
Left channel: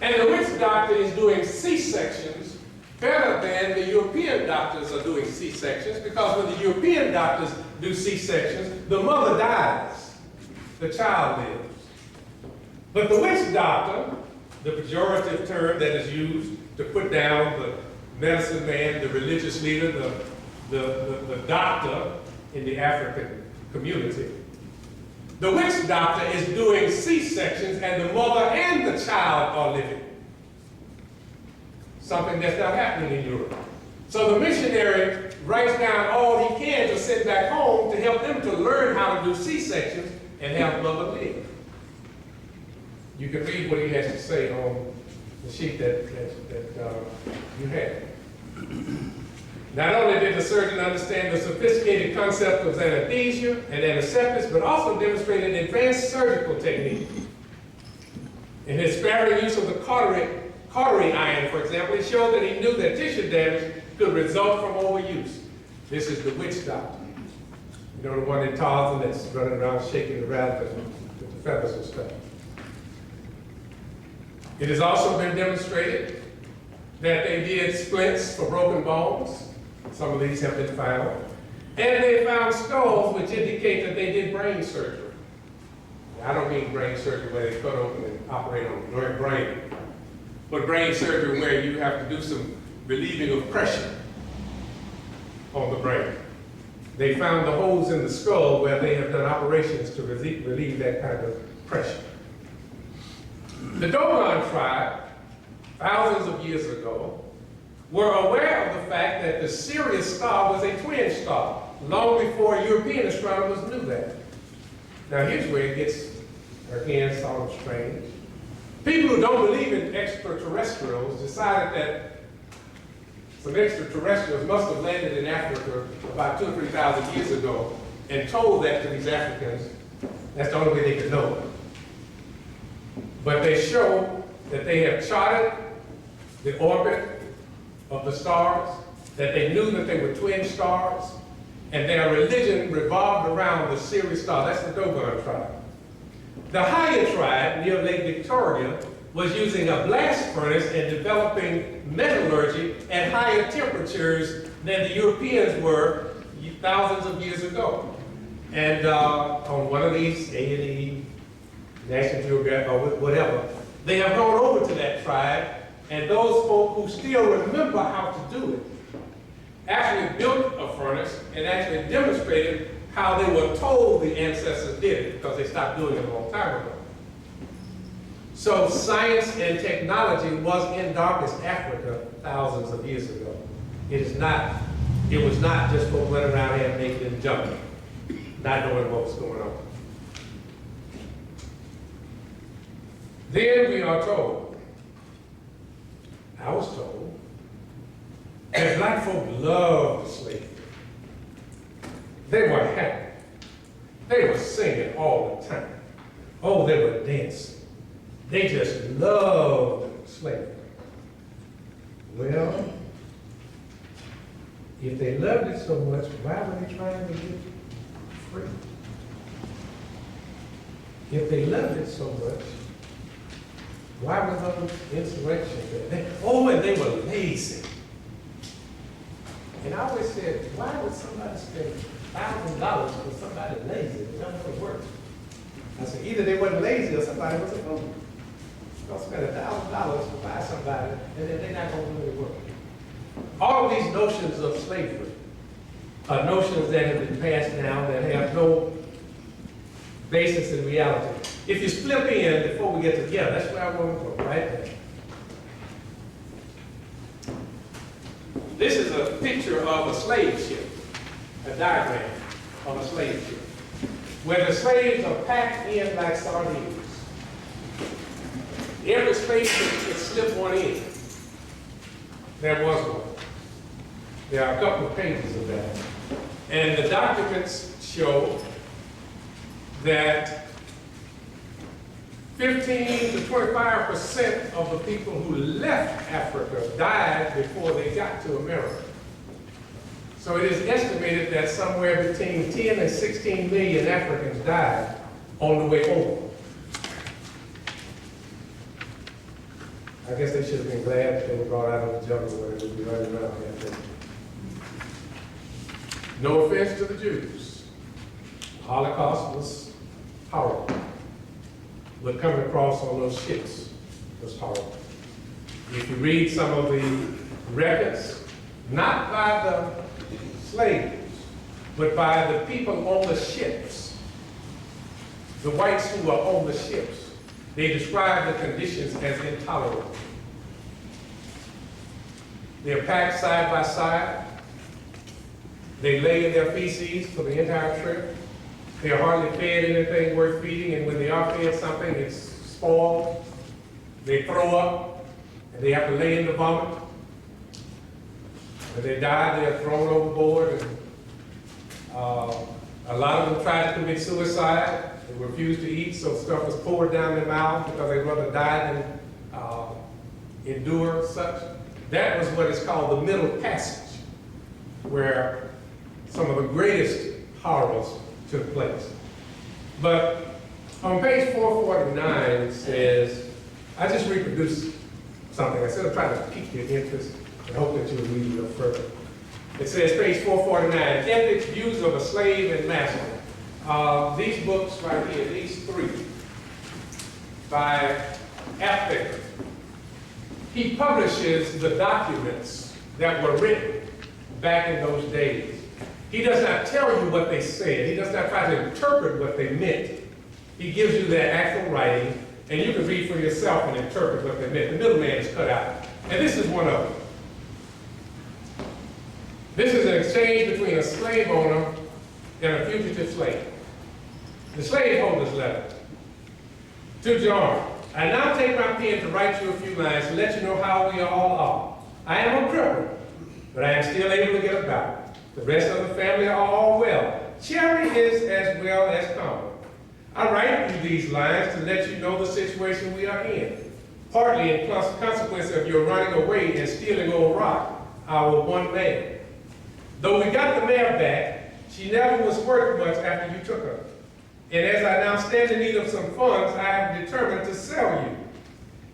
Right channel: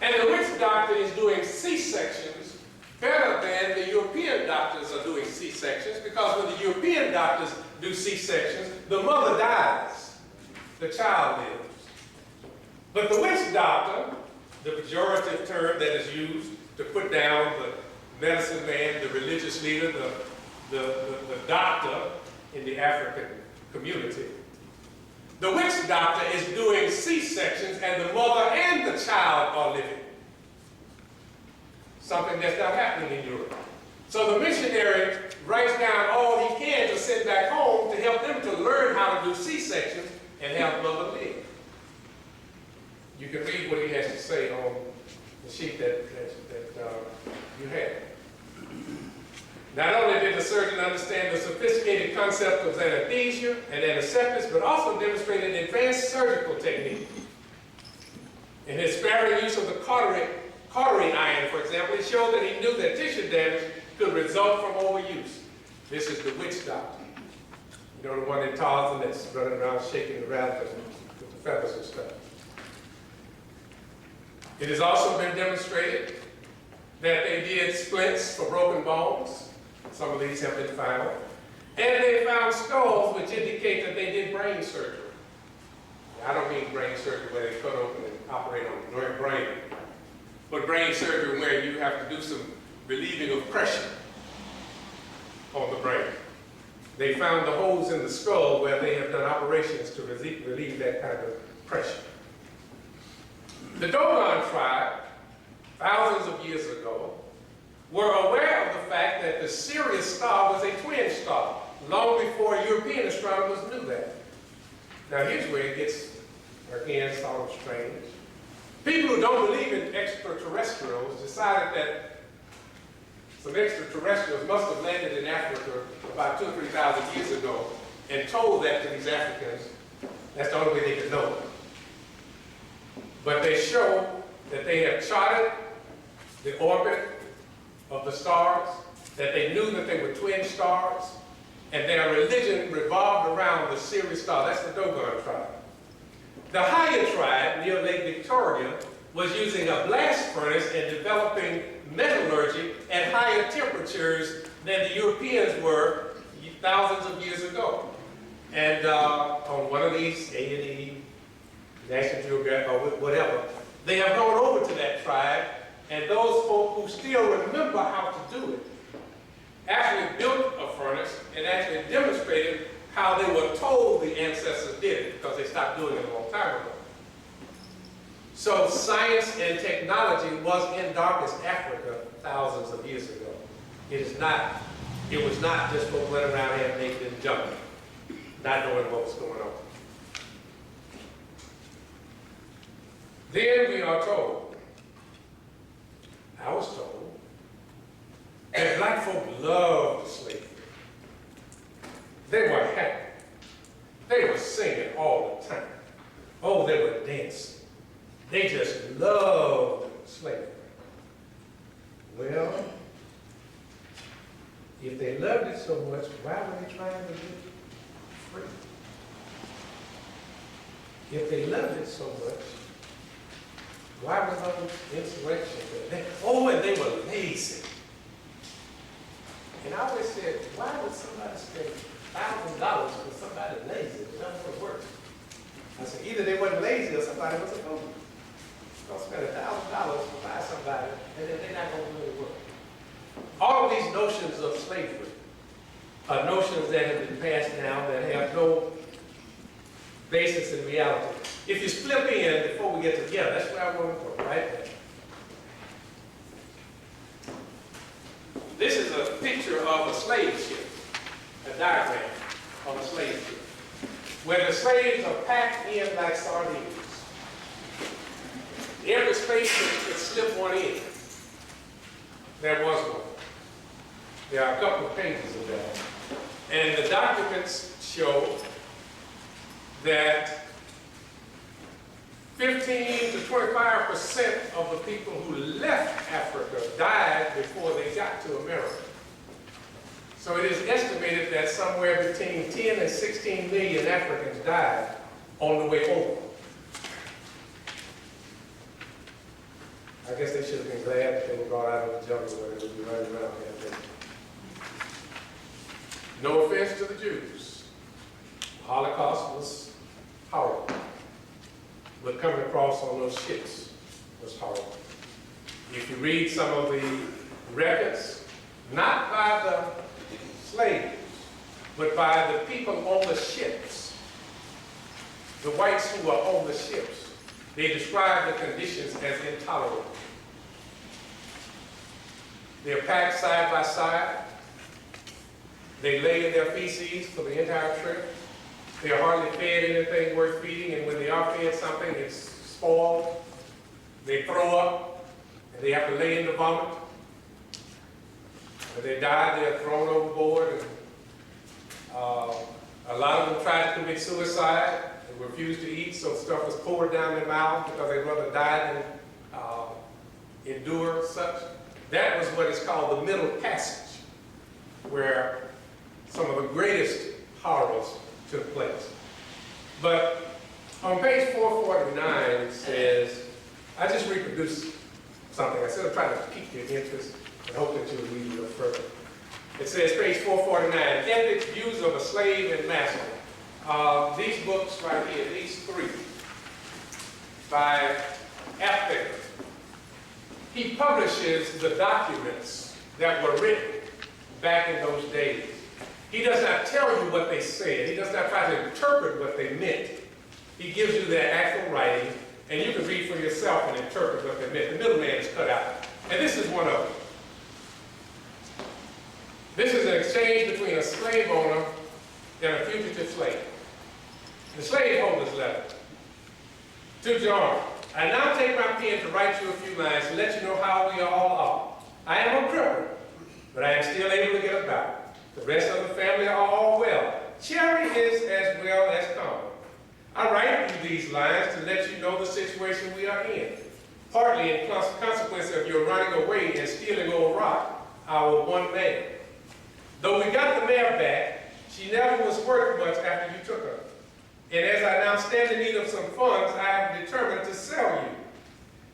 And the witch doctor is doing C-sections better than the European doctors are doing C-sections, because when the European doctors do C-sections, the mother dies, the child lives. But the witch doctor, the pejorative term that is used to put down the medicine man, the religious leader, the doctor in the African community, the witch doctor is doing C-sections, and the mother and the child are living. Something that's not happening in Europe. So the missionary writes down all he can to send back home to help them to learn how to do C-sections and help mother live. You can read what he has to say on the sheet that you have. Not only did the surgeon understand the sophisticated concept of anesthesia and antiseptics, but also demonstrated advanced surgical technique. In his sparing use of the cautery iron, for example, he showed that he knew that tissue damage could result from overuse. This is the witch doctor. You know, the one in Tarzan that's running around shaking the rabbit with the feathers and stuff. It has also been demonstrated that they did splints for broken bones. Some of these have been found. And they found skulls which indicate that they did brain surgery. I don't mean brain surgery where they cut open and operate on the brain, but brain surgery where you have to do some relieving of pressure on the brain. They found the holes in the skull where they have done operations to relieve that kind of pressure. The Dogon tribe, thousands of years ago, were aware of the fact that the Sirius star was a twin star, long before European astronomers knew that. Now here's where it gets, again, sort of strange. People who don't believe in extraterrestrials decided that some extraterrestrials must have landed in Africa about 2,000 or 3,000 years ago and told that to these Africans. That's the only way they could know it. But they show that they have charted the orbit of the stars, that they knew that they were twin stars, and their religion revolved around the Sirius star. That's the Dogon tribe. The Haya tribe near Lake Victoria was using a blast furnace and developing metallurgy at higher temperatures than the Europeans were thousands of years ago. And on one of these A&E, National Geographic, or whatever, they have gone over to that tribe, and those folk who still remember how to do it actually built a furnace and actually demonstrated how they were told the ancestors did it, because they stopped doing it a long time ago. So science and technology was in darkest Africa thousands of years ago. It was not just folks running around here naked and jumping, not knowing what was going on. Then we are told, I was told, that black folk loved slavery. They were happy. They were singing all the time. Oh, they were dancing. They just loved slavery. Well, if they loved it so much, why were they trying to get free? If they loved it so much, why was those insurrections? And they were lazy. And I always said, why would somebody spend $1,000 for somebody lazy that doesn't work? I said, either they wasn't lazy or somebody wasn't going to. Don't spend $1,000 to buy somebody, and then they're not going to really work. All of these notions of slavery are notions that have been passed down that have no basis in reality. If you flip in before we get together, that's where I want to go, right there. This is a picture of a slave ship, a diagram of a slave ship, where the slaves are packed in like sardines. Every space could slip one in. There was one. There are a couple of pages of that. And the documents show that 15 to 25% of the people who left Africa died before they got to America. So it is estimated that somewhere between 10 and 16 million Africans died on the way over. I guess they should have been glad that they were brought out of the jungle where they would be running around here. No offense to the Jews. The Holocaust was horrible. But coming across on those ships was horrible. If you read some of the records, not by the slaves, but by the people on the ships, the whites who were on the ships, they describe the conditions as intolerable. They're packed side by side. They lay in their feces for the entire trip. They're hardly fed anything worth feeding, and when they are fed something, it's spoiled. They throw up, and they have to lay in the vomit. When they die, they're thrown overboard, and a lot of them try to commit suicide. They refused to eat, so stuff was poured down their mouth because they'd rather die than endure such. That was what is called the Middle Passage, where some of the greatest horrors took place. But on page 449, it says, I just reproduced something. I said I'm trying to pique your interest and hope that you'll read a little further. It says, page 449, Ethics, Views of a Slave and Master. These books right here, these three, by Aptheker. He publishes the documents that were written back in those days. He does not tell you what they said. He does not try to interpret what they meant. He gives you their actual writing, and you can read for yourself and interpret what they meant. The middleman is cut out. And this is one of them. This is an exchange between a slave owner and a fugitive slave. The slaveholder's letter. To John, I now take my pen to write you a few lines to let you know how we all are. I am a cripple, but I am still able to get about. The rest of the family are all well. Cherry is as well as common. I write you these lines to let you know the situation we are in, partly in consequence of your running away and stealing old Rock, our one mare. Though we got the mare back, she never was worth much after you took her. And as I now stand in need of some funds, I have determined to sell you.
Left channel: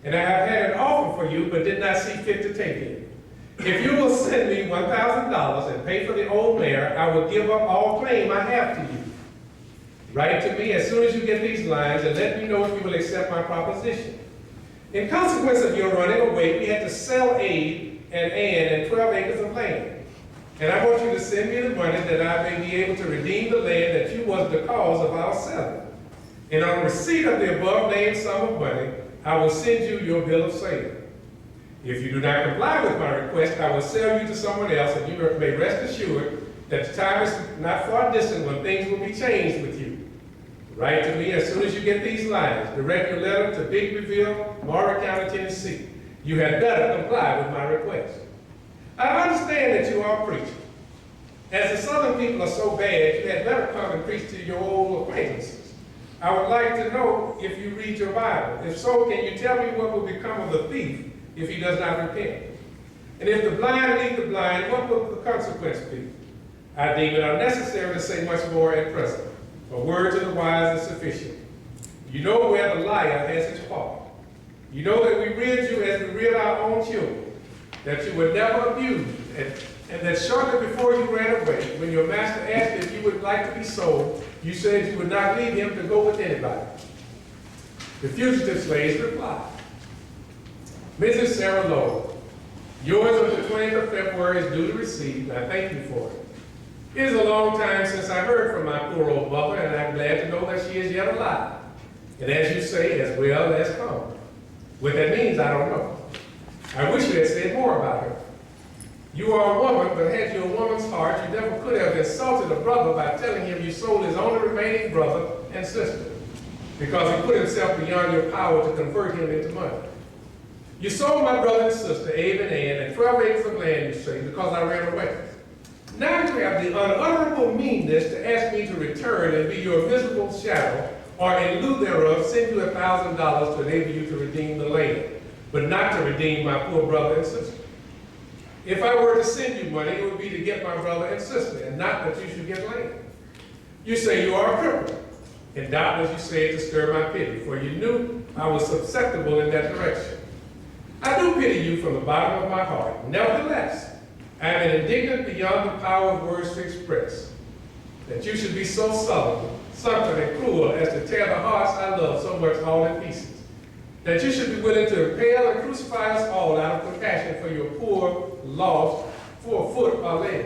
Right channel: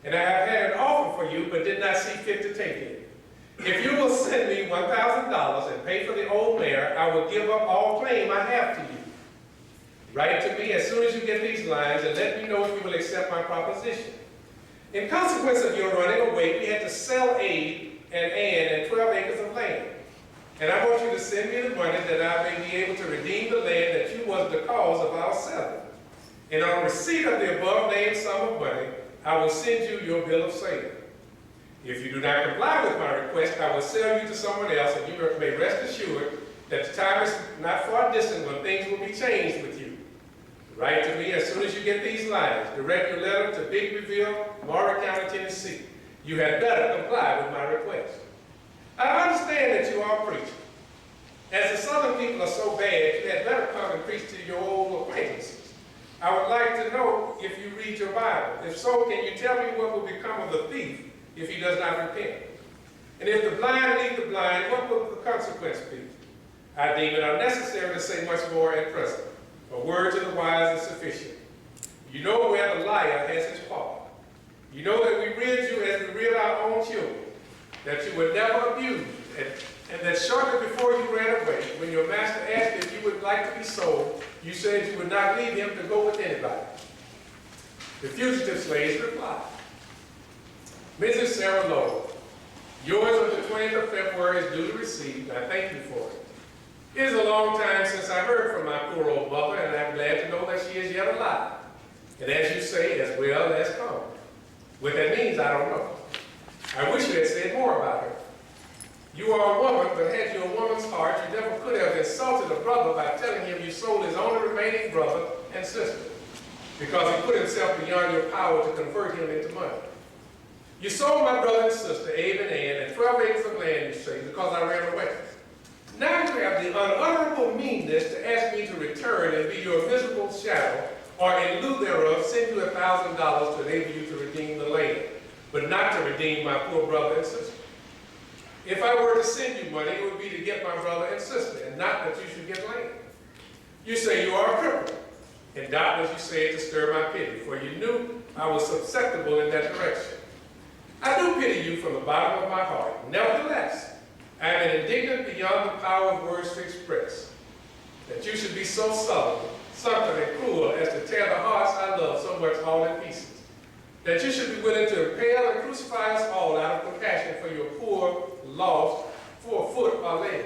And I have had an offer for you, but did not see fit to take it. If you will send me $1,000 and pay for the old mare, I will give up all claim I have to you. Write to me as soon as you get these lines and let me know if you will accept my proposition. In consequence of your running away, we had to sell Abe and Ann and 12 acres of land. And I want you to send me the money that I may be able to redeem the land that you was the cause of our selling. And on receipt of the above named sum of money, I will send you your bill of sale. If you do not comply with my request, I will sell you to someone else, and you may rest assured that the time is not far distant when things will be changed with you. Write to me as soon as you get these lines. Direct your letter to Biglieville, Morrow County, Tennessee. You had better comply with my request. I understand that you are a preacher. As the Southern people are so bad, you had better come and preach to your old acquaintances. I would like to know if you read your Bible. If so, can you tell me what will become of the thief if he does not repent? And if the blind lead the blind, what will the consequence be? I deem it unnecessary to say much more at present. A word to the wise is sufficient. You know where the liar has his fault. You know that we reared you as we reared our own children, that you were never abused, and that shortly before you ran away, when your master asked if you would like to be sold, you said you would not leave him to go with anybody. The fugitive slaves replied, Mrs. Sarah Lowell, yours of the 20th of February is duly received, and I thank you for it. It is a long time since I heard from my poor old mother, and I'm glad to know that she is yet alive. And as you say, as well as come. What that means, I don't know. I wish you had said more about her. You are a woman, but had you a woman's heart, you never could have insulted a brother by telling him you sold his only remaining brother and sister, because he put himself beyond your power to convert him into money. You sold my brother and sister, Abe and Ann, and 12 acres of land, you say, because I ran away. Now you have the unutterable meanness to ask me to return and be your miserable shadow, or in lieu thereof, send you $1,000 to enable you to redeem the land, but not to redeem my poor brother and sister. If I were to send you money, it would be to get my brother and sister, and not that you should get land. You say you are a cripple, and doubtless you say it to stir my pity, for you knew I was susceptible in that direction. I do pity you from the bottom of my heart. Nevertheless, I am indignant beyond the power of words to express, that you should be so sullen, something and cruel as to tear the hearts I love so much all in pieces, that you should be willing to impale and crucify us all out of compassion for your poor, lost, for a foot or leg.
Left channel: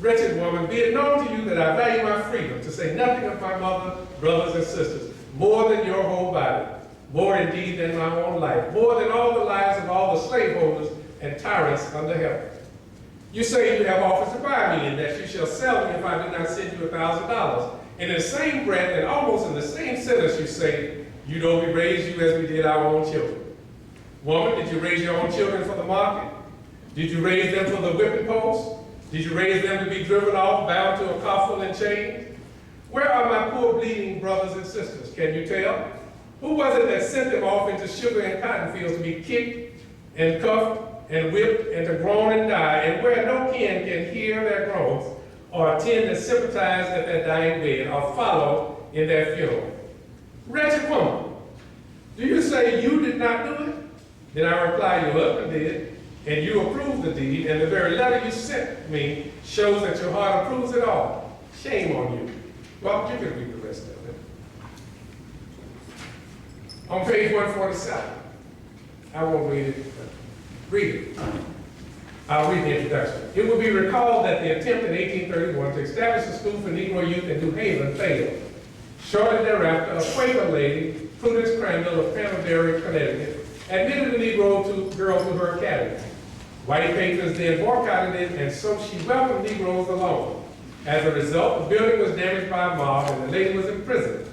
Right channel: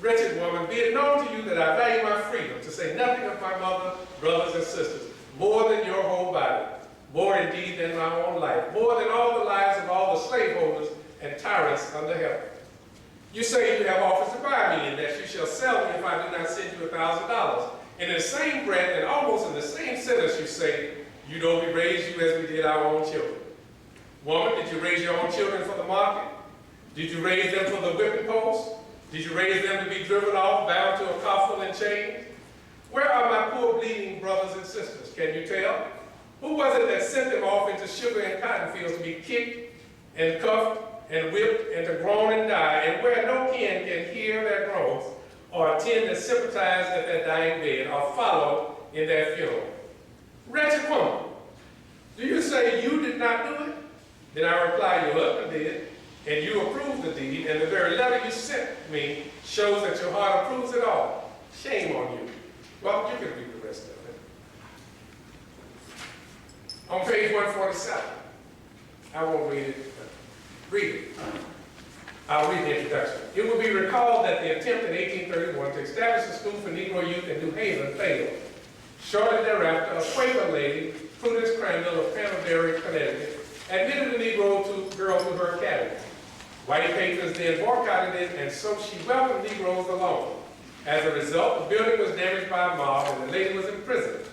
Wretched woman, be it known to you that I value my freedom, to say nothing of my mother, brothers, and sisters, more than your whole body, more indeed than my own life, more than all the lives of all the slaveholders and tyrants under heaven. You say you have offers to buy me, and that you shall sell me if I do not send you $1,000. And in the same breath, and almost in the same sentence, you say, you know we raised you as we did our own children. Woman, did you raise your own children for the market? Did you raise them for the whipping post? Did you raise them to be driven off, bound to a coffin and chains? Where are my poor bleeding brothers and sisters? Can you tell? Who was it that sent them off into sugar and cotton fields to be kicked and cuffed and whipped and to groan and die, and where no kin can hear their groans or attend and sympathize at their dying bed or follow in their funeral? Wretched woman, do you say you did not do it? Then I reply, your husband did, and you approved the deed, and the very letter you sent me shows that your heart approves it all. Shame on you. Well, you can read the rest of it. On page 147, I won't read it, but read it. I'll read the introduction. It will be recalled that the attempt in 1831 to establish a school for Negro youth in New Haven failed. Shortly thereafter, a Quaker lady, Prudence Crandall of Canterbury, Connecticut, admitted a Negro girl to her academy. White patrons then boycotted it, and so she welcomed Negroes alone. As a result, the building was damaged by a mob, and the lady was imprisoned.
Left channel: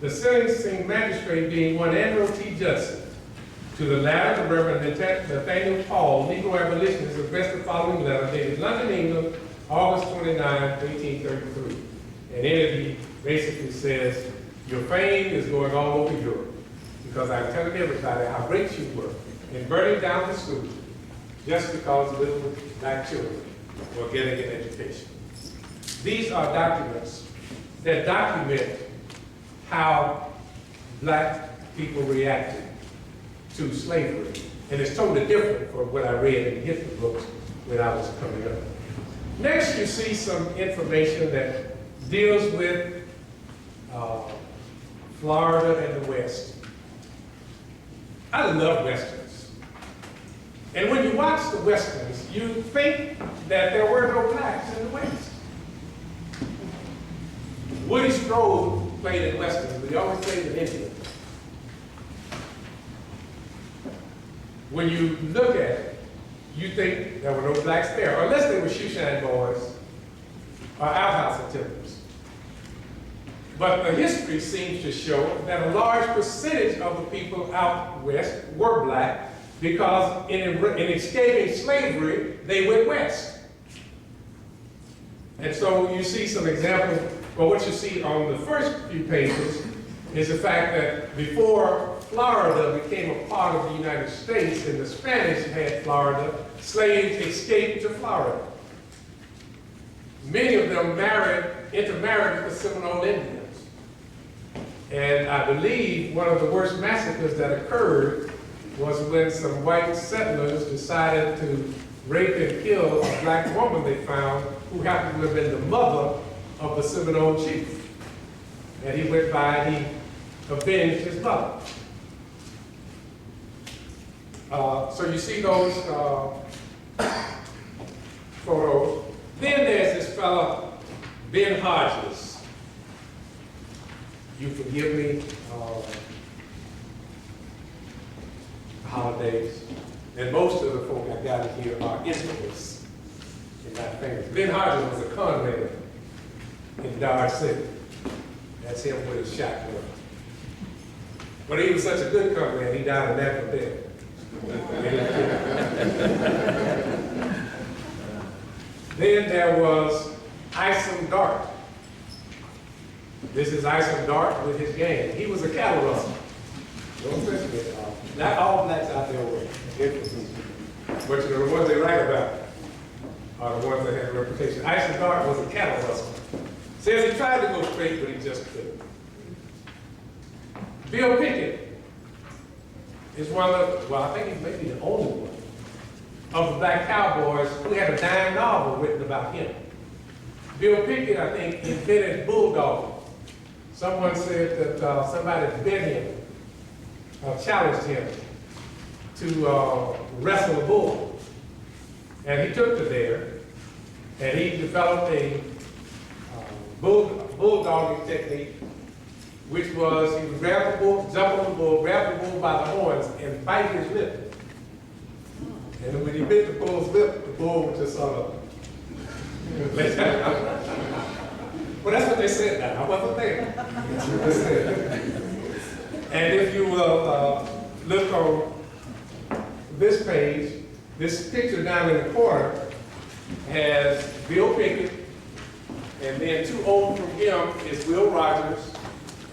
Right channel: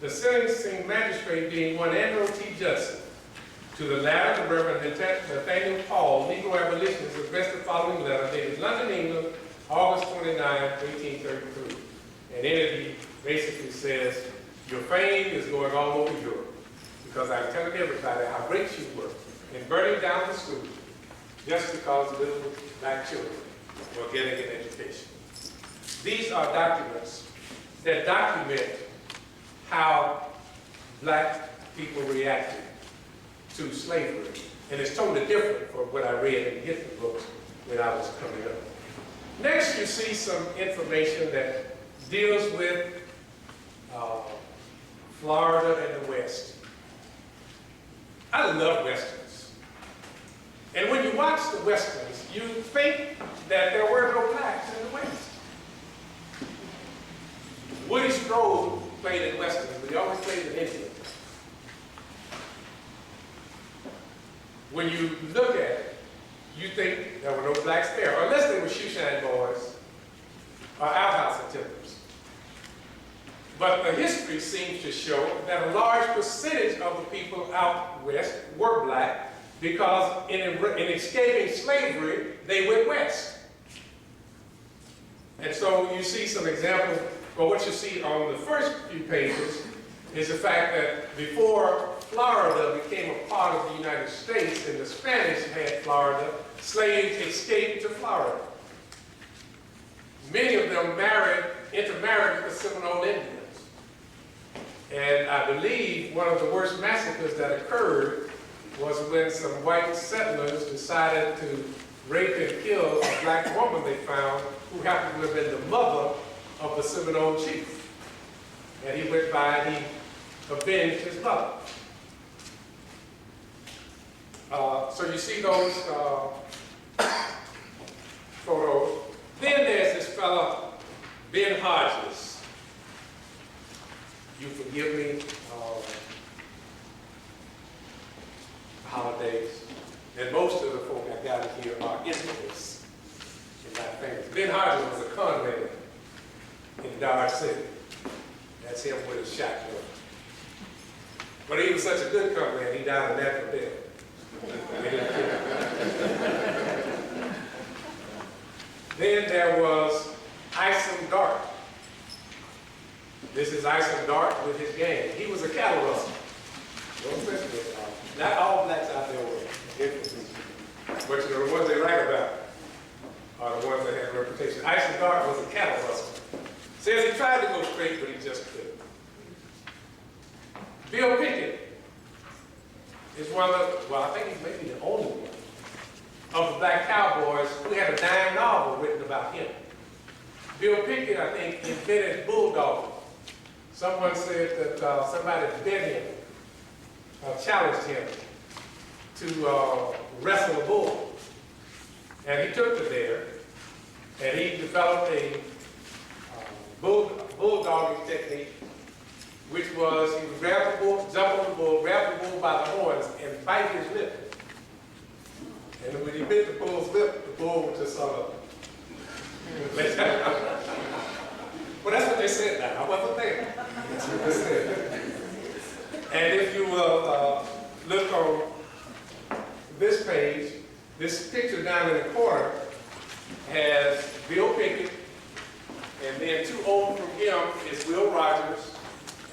The sentencing magistrate being one Andrew T. Judson. To the latter, the Reverend Nathaniel Paul, Negro abolitionist, addressed the following letter dated London, England, August 29, 1833. And in it, he basically says, your fame is going all over Europe, because I'm telling everybody how great you were in burning down the school just because little black children were getting an education. These are documents that document how black people reacted to slavery. And it's totally different from what I read in history books when I was coming up. Next, you see some information that deals with Florida and the West. I love Westerns. And when you watch the Westerns, you think that there were no blacks in the West. Woody Strode played in Westerns, but he always played in Indian. When you look at it, you think there were no blacks there, unless they were shoeshine boys or outhouse attendants. But the history seems to show that a large percentage of the people out west were black because in escaping slavery, they went west. And so you see some examples. Well, what you see on the first few pages is the fact that before Florida became a part of the United States and the Spanish had Florida, slaves escaped to Florida. Many of them intermarried with the Seminole Indians. And I believe one of the worst massacres that occurred was when some white settlers decided to rape and kill a black woman they found who happened to have been the mother of the Seminole chief. And he went by and he avenged his mother. So you see those photos. Then there's this fellow, Ben Hodges. You forgive me, holidays. And most of the folk I got here are infamous and not famous. Ben Hodges was a con man in Dodge City. That's him with his shotgun. But he was such a good con man, he died a natural death. Then there was Isom Dart. This is Isom Dart with his gang. He was a cattle rustler. Not all blacks out there were infamous. But you know, the ones they write about are the ones that had a reputation. Isom Dart was a cattle rustler. Says he tried to go straight, but he just couldn't. Bill Pickett is one of the, well, I think he's maybe the only one of the black cowboys who had a dime novel written about him. Bill Pickett, I think, invented bulldogging. Someone said that somebody bet him, challenged him to wrestle a bull. And he took to there, and he developed a bulldogging technique, which was he would grab the bull, jump on the bull, grab the bull by the horns, and bite his lip. And when he bit the bull's lip, the bull would just sort of well, that's what they said now. I wasn't there. That's what they said. And if you will look on this page, this picture down in the corner has Bill Pickett And then too old from him is Will Rogers,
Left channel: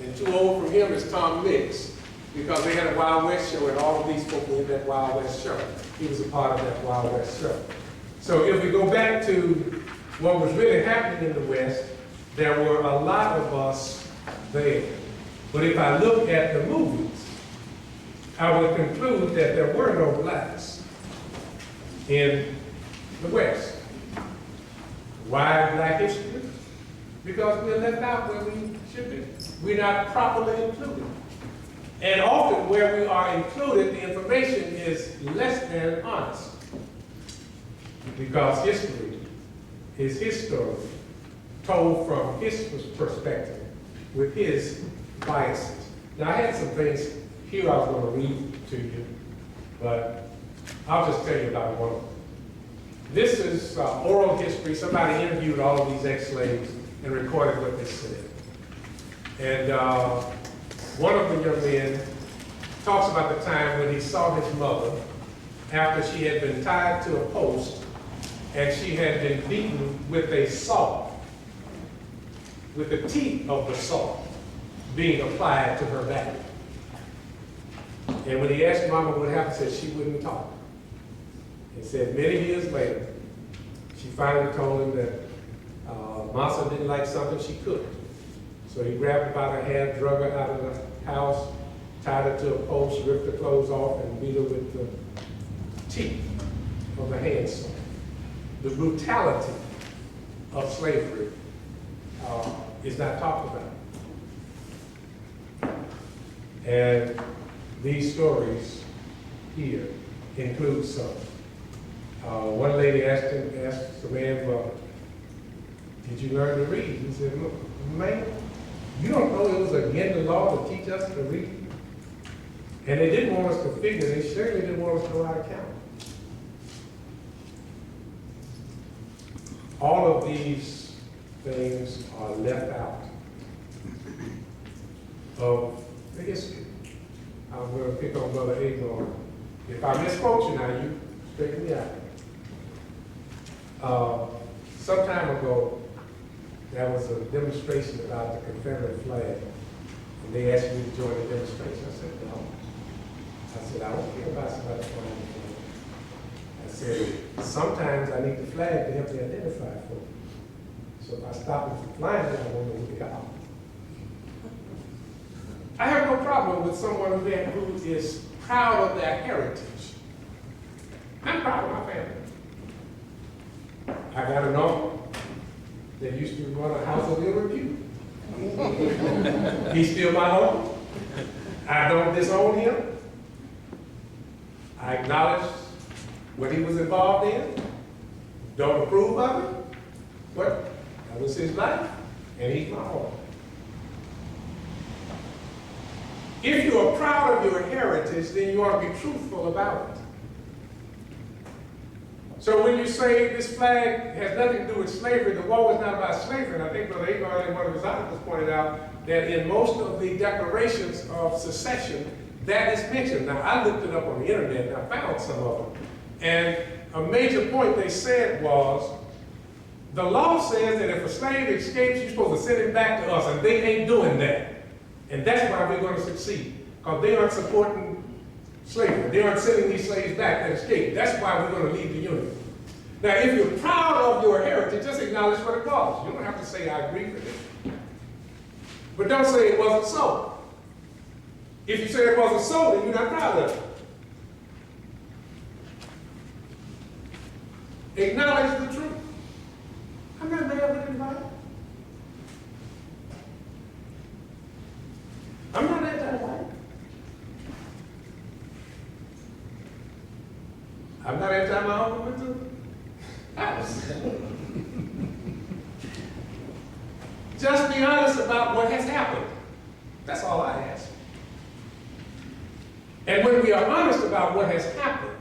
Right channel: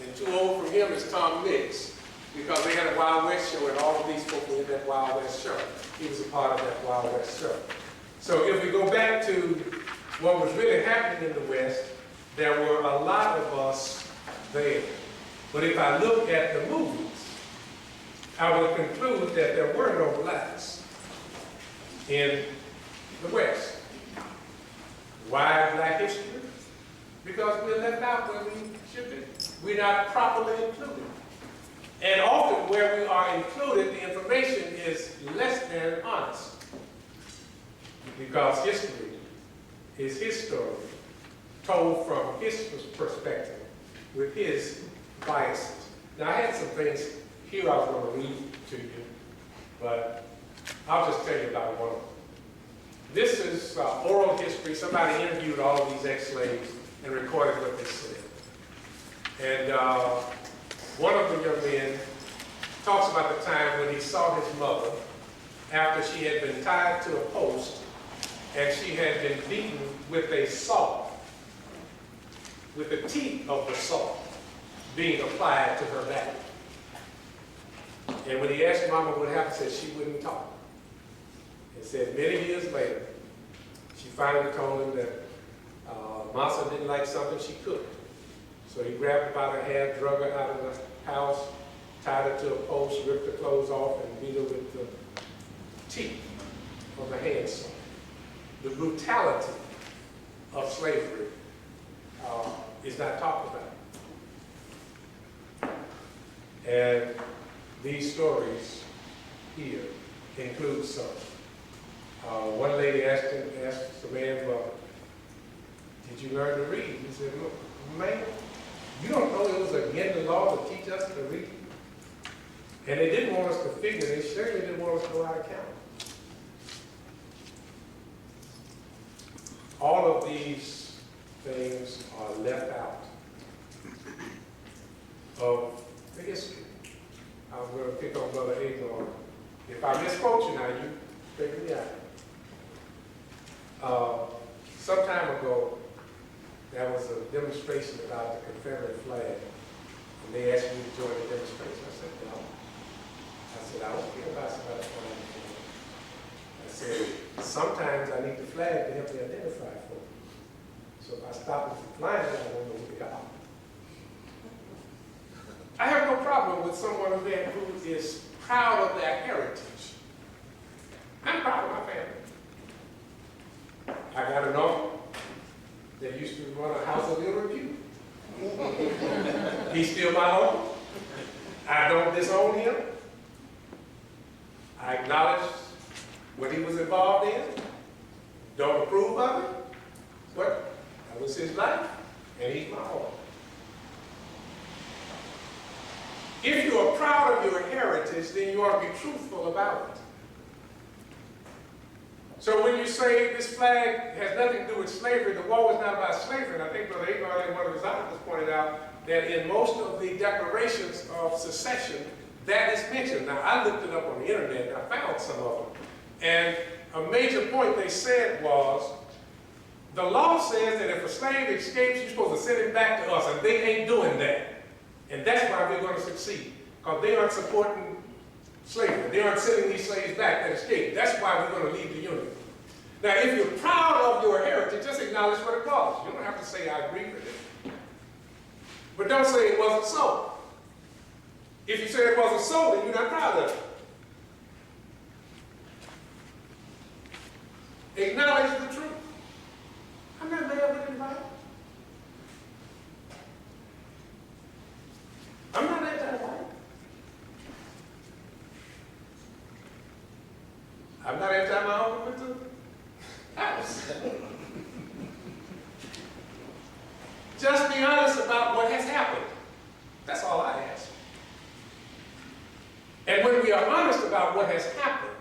and too old from him is Tom Mix, because they had a Wild West show, and all of these folk were in that Wild West show. He was a part of that Wild West show. So if we go back to what was really happening in the West, there were a lot of us there. But if I look at the movies, I would conclude that there were no blacks in the West. Why Black history? Because we're left out where we should be. We're not properly included. And often where we are included, the information is less than honest. Because history is his story, told from his perspective, with his biases. Now I had some things here I was going to read to you, but I'll just tell you about one of them. This is oral history. Somebody interviewed all of these ex-slaves and recorded what they said. And one of the young men talks about the time when he saw his mother after she had been tied to a post and she had been beaten with a saw, with the teeth of the saw being applied to her back. And when he asked Mama what happened, said she wouldn't talk. It said many years later, she finally told him that Massa didn't like something she cooked. So he grabbed her by her hair, drug her out of the house, tied her to a post, ripped her clothes off, and beat her with the teeth of the handsaw. The brutality of slavery is not talked about. And these stories here include some. One lady asked the man, well, did you learn to read? He said, look, man, you don't know it was against the law to teach us to read? And they didn't want us to figure, they certainly didn't want us to know how to count. All of these things are left out of the history. I'm going to pick on Brother Agron. If I misquote you now, you straighten me out. Some time ago, there was a demonstration about the Confederate flag, and they asked me to join the demonstration. I said, no. I said, I don't care about somebody flying the flag. I said, sometimes I need the flag to help me identify folks. So if I stop them from flying, I won't know who they are. I have no problem with someone who is proud of their heritage. I'm proud of my family. I got an uncle that used to run a house of ill repute. He's still my uncle. I don't disown him. I acknowledge what he was involved in. Don't approve of it, but that was his life, and he's my uncle. If you are proud of your heritage, then you ought to be truthful about it. So when you say this flag has nothing to do with slavery, the war was not about slavery, and I think Brother Agron in one of his articles pointed out that in most of the declarations of secession, that is mentioned. Now, I looked it up on the internet, and I found some of them. And a major point they said was, the law says that if a slave escapes, you're supposed to send him back to us, and they ain't doing that. And that's why we're going to succeed, because they aren't supporting slavery. They aren't sending these slaves back that escaped. That's why we're going to leave the Union. Now, if you're proud of your heritage, just acknowledge what it was. You don't have to say, I agree with it. But don't say it wasn't so. If you say it wasn't so, then you're not proud of it. Acknowledge the truth. I'm not mad with anybody. I'm not anti-white. I'm not anti my own went to the house. Just be honest about what has happened. That's all I ask. And when we are honest about what has happened,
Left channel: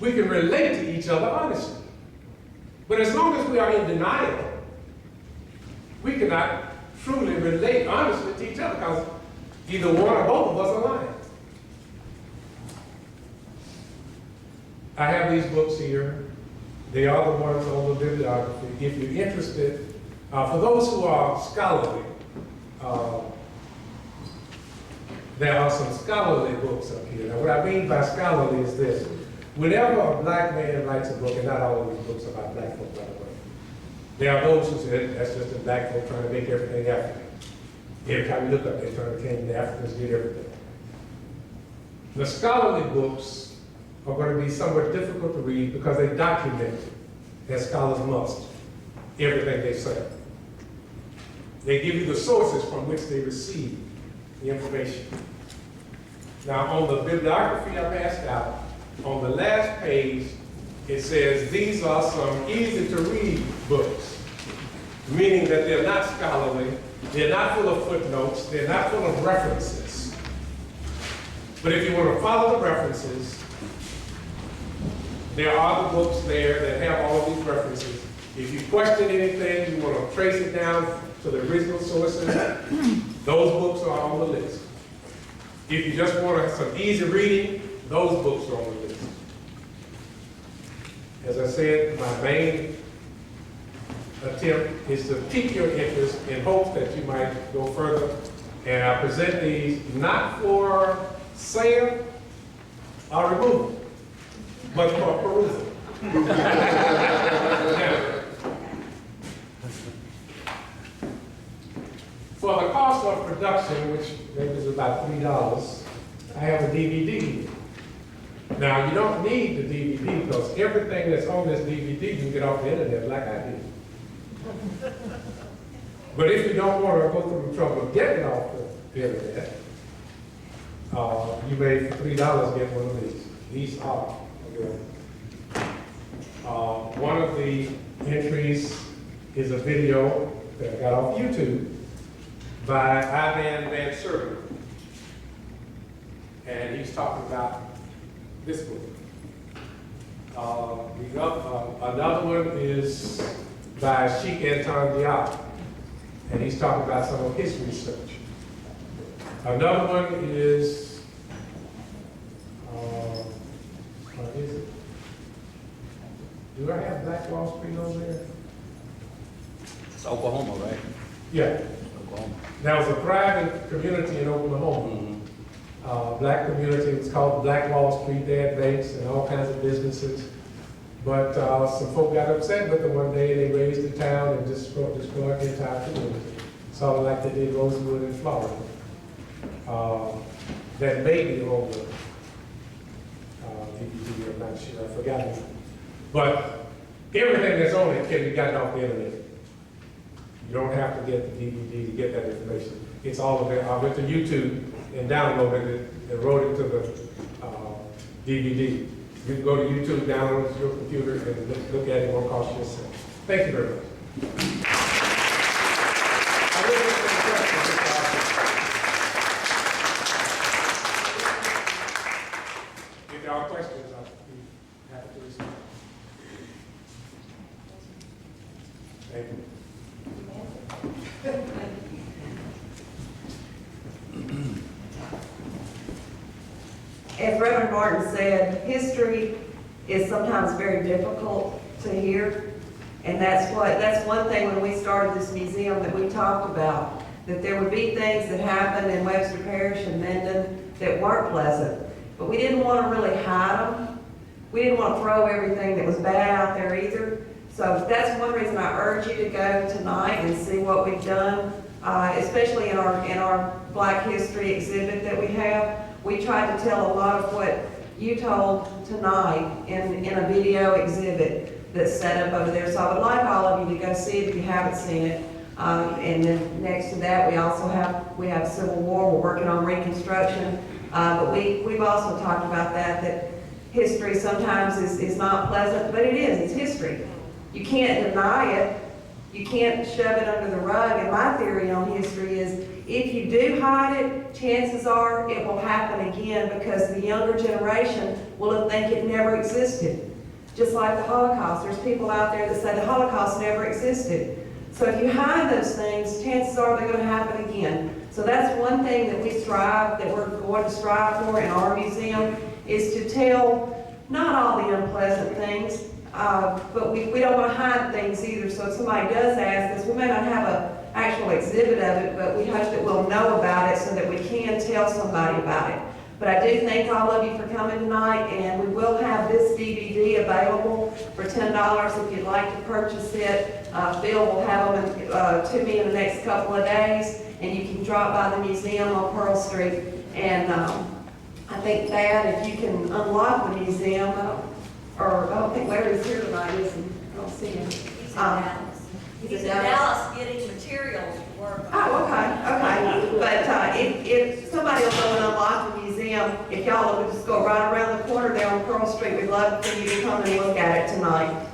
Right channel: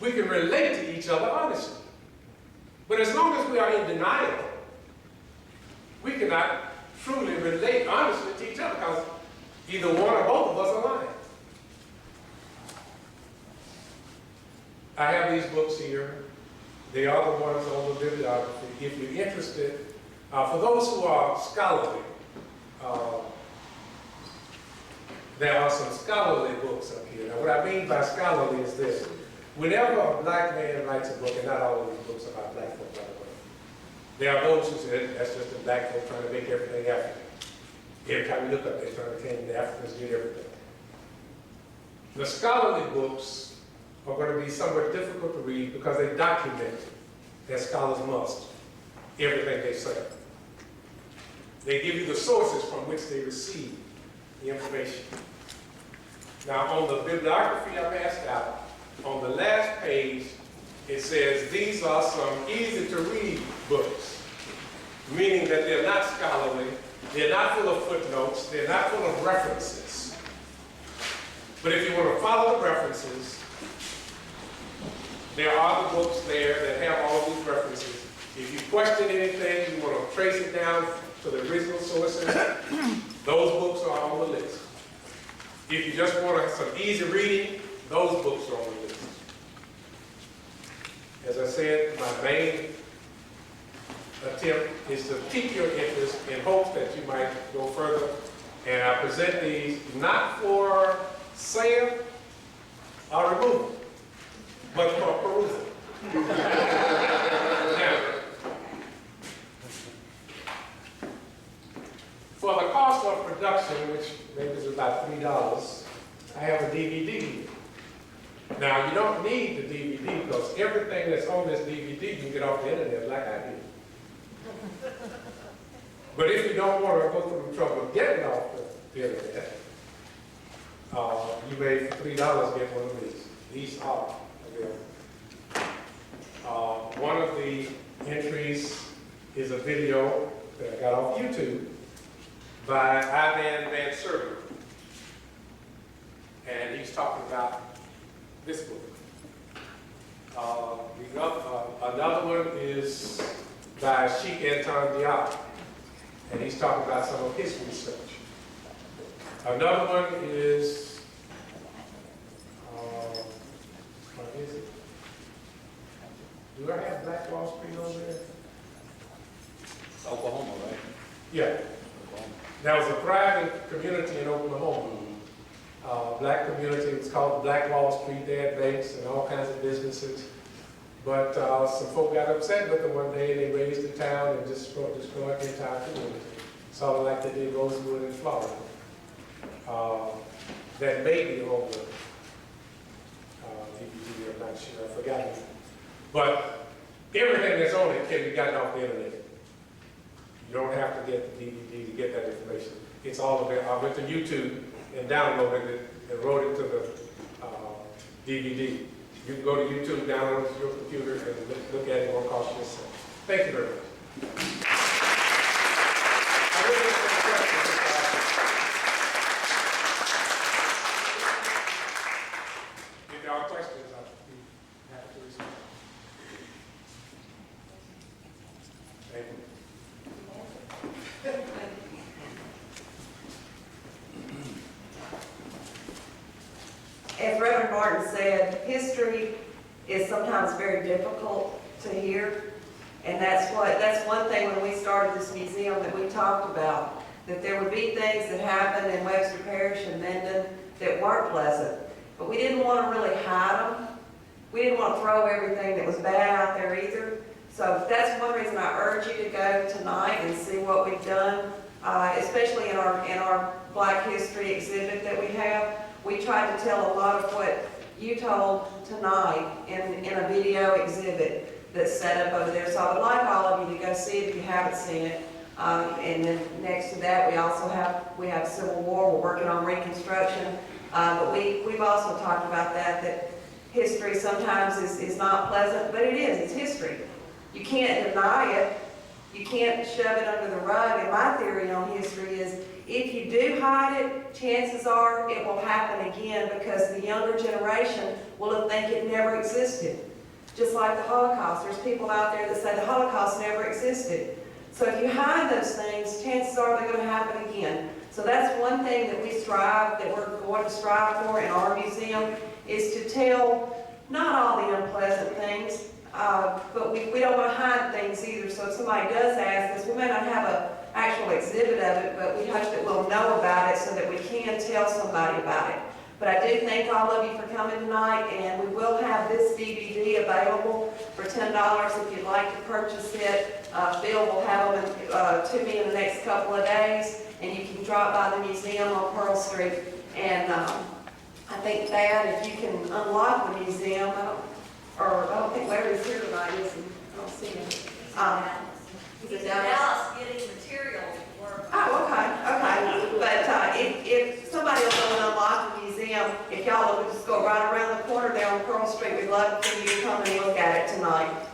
we can relate to each other honestly. But as long as we are in denial, we cannot truly relate honestly to each other, because either one or both of us are lying. I have these books here. They are the ones on the bibliography. If you're interested, For those who are scholarly, there are some scholarly books up here. Now, what I mean by scholarly is this. Whenever a black man writes a book, and not all of these books about black folk, by the way, there are those who say that's just a black folk trying to make everything African. Every time you look up, they're trying to claim the Africans did everything. The scholarly books are going to be somewhat difficult to read because they document, as scholars must, everything they say. They give you the sources from which they receive the information. Now, on the bibliography I passed out, on the last page, it says these are some easy-to-read books, meaning that they're not scholarly, they're not full of footnotes, they're not full of references. But if you want to follow the references, there are the books there that have all these references. If you question anything, you want to trace it down to the original sources, those books are on the list. If you just want some easy reading, those books are on the list. As I said, my main attempt is to pique your interest in hopes that you might go further. And I present these not for sale or removal, but for perusal. Now, for the cost of production, which maybe is about $3, I have a DVD here. Now, you don't need the DVD because everything that's on this DVD you can get off the internet like I did. But if you don't want to go through the trouble of getting off the internet, you may, for $3, get one of these. These are available. One of the entries is a video that I got off YouTube by Ivan Van Server. And he's talking about this book. Another one is by Sheikh Anton Diop, and he's talking about some of his research. Another one is, what is it? Do I have Black Wall Street over there? It's Oklahoma, right? Yeah. Oklahoma. There was a thriving community in Oklahoma. Black community. It's called Black Wall Street. They had banks and all kinds of businesses. But some folk got upset with them one day. They raised the town and destroyed the entire community. Sort of like they did Rosewood in Florida. That may be on the DVD, I'm not sure, I've forgotten. But everything that's on it can be gotten off the internet. You don't have to get the DVD to get that information. It's all available. I went to YouTube and downloaded it and wrote it to the DVD. You can go to YouTube, download it to your computer, and look at it. It won't cost you a cent. Thank you very much. If there are questions, I'll be happy to respond. Thank you. As Reverend Martin said, history is sometimes very difficult to hear. And that's one thing when we started this museum that we talked about, that there would be things that happened in Webster Parish and Mendon that weren't pleasant. But we didn't want to really hide them. We didn't want to throw everything that was bad out there either. So that's one reason I urge you to go tonight and see what we've done, especially in our Black History exhibit that we have. We tried to tell a lot of what you told tonight in a video exhibit that's set up over there. So I would like all of you to go see it if you haven't seen it. And then next to that, we have Civil War. We're working on Reconstruction. But we've also talked about that history sometimes is not pleasant, but it is. It's history. You can't deny it. You can't shove it under the rug. And my theory on history is if you do hide it, chances are it will happen again because the younger generation will think it never existed. Just like the Holocaust. There's people out there that say the Holocaust never existed. So if you hide those things, chances are they're going to happen again. So that's one thing that we're going to strive for in our museum, is to tell not all the unpleasant things. But we don't want to hide things either, so if somebody does ask us, we may not have an actual exhibit of it, but we hope that we'll know about it so that we can tell somebody about it. But I do thank all of you for coming tonight, and we will have this DVD available for $10 if you'd like to purchase it. Phil will have them to me in the next couple of days, and you can drop by the museum on Pearl Street. And I think, Dad, if you can unlock the museum, I don't think Larry's here tonight, is he? I don't see him. He's in Dallas getting materials to work on. Oh, okay. But if somebody will go and unlock the museum, if y'all will just go right around the corner there on Pearl Street, we'd love for you to come and look at it tonight.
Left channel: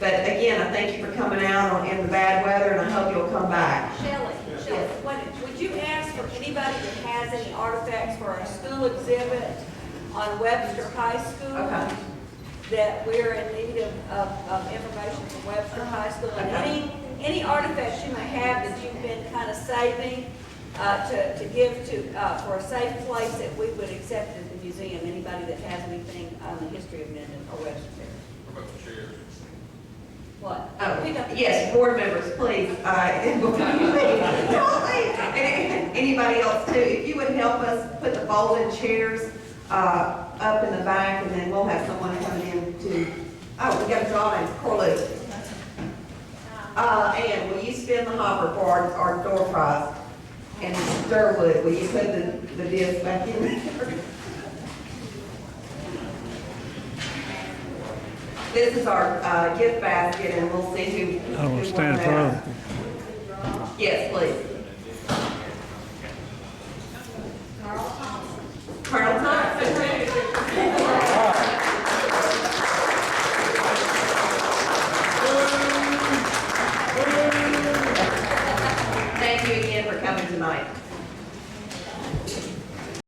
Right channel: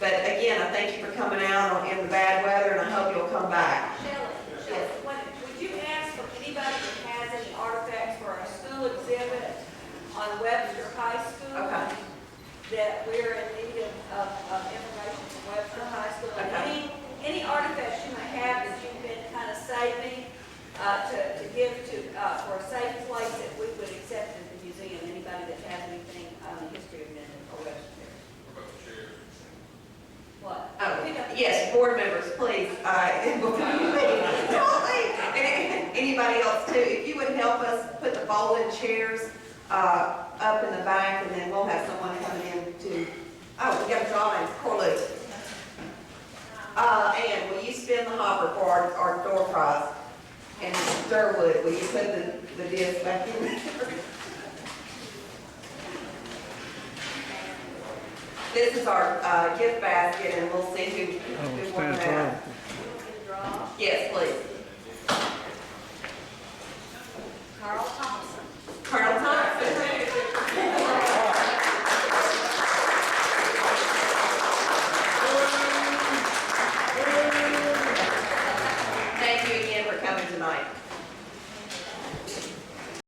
But again, I thank you for coming out in the bad weather, and I hope you'll come back. Shelley, would you ask for anybody that has any artifacts for our school exhibit on Webster High School? Okay. That we're in need of information from Webster High School, and Okay. any artifacts you may have that you've been kind of saving to give to for a safe place that we would accept at the museum. Anybody that has anything on the history of Minden or Webster Parish. What about the chairs? What? Oh, Pick up the yes, board members, please, before you leave, don't leave. And anybody else too, if you would help us put the folding chairs up in the back, and then we'll have someone coming in to, oh, we got a drawing, Corley. Ann, will you spin the hopper for our door prize? And Durwood, will you put the disc back in there? This is our gift basket, and we'll see who won that. Yes, please.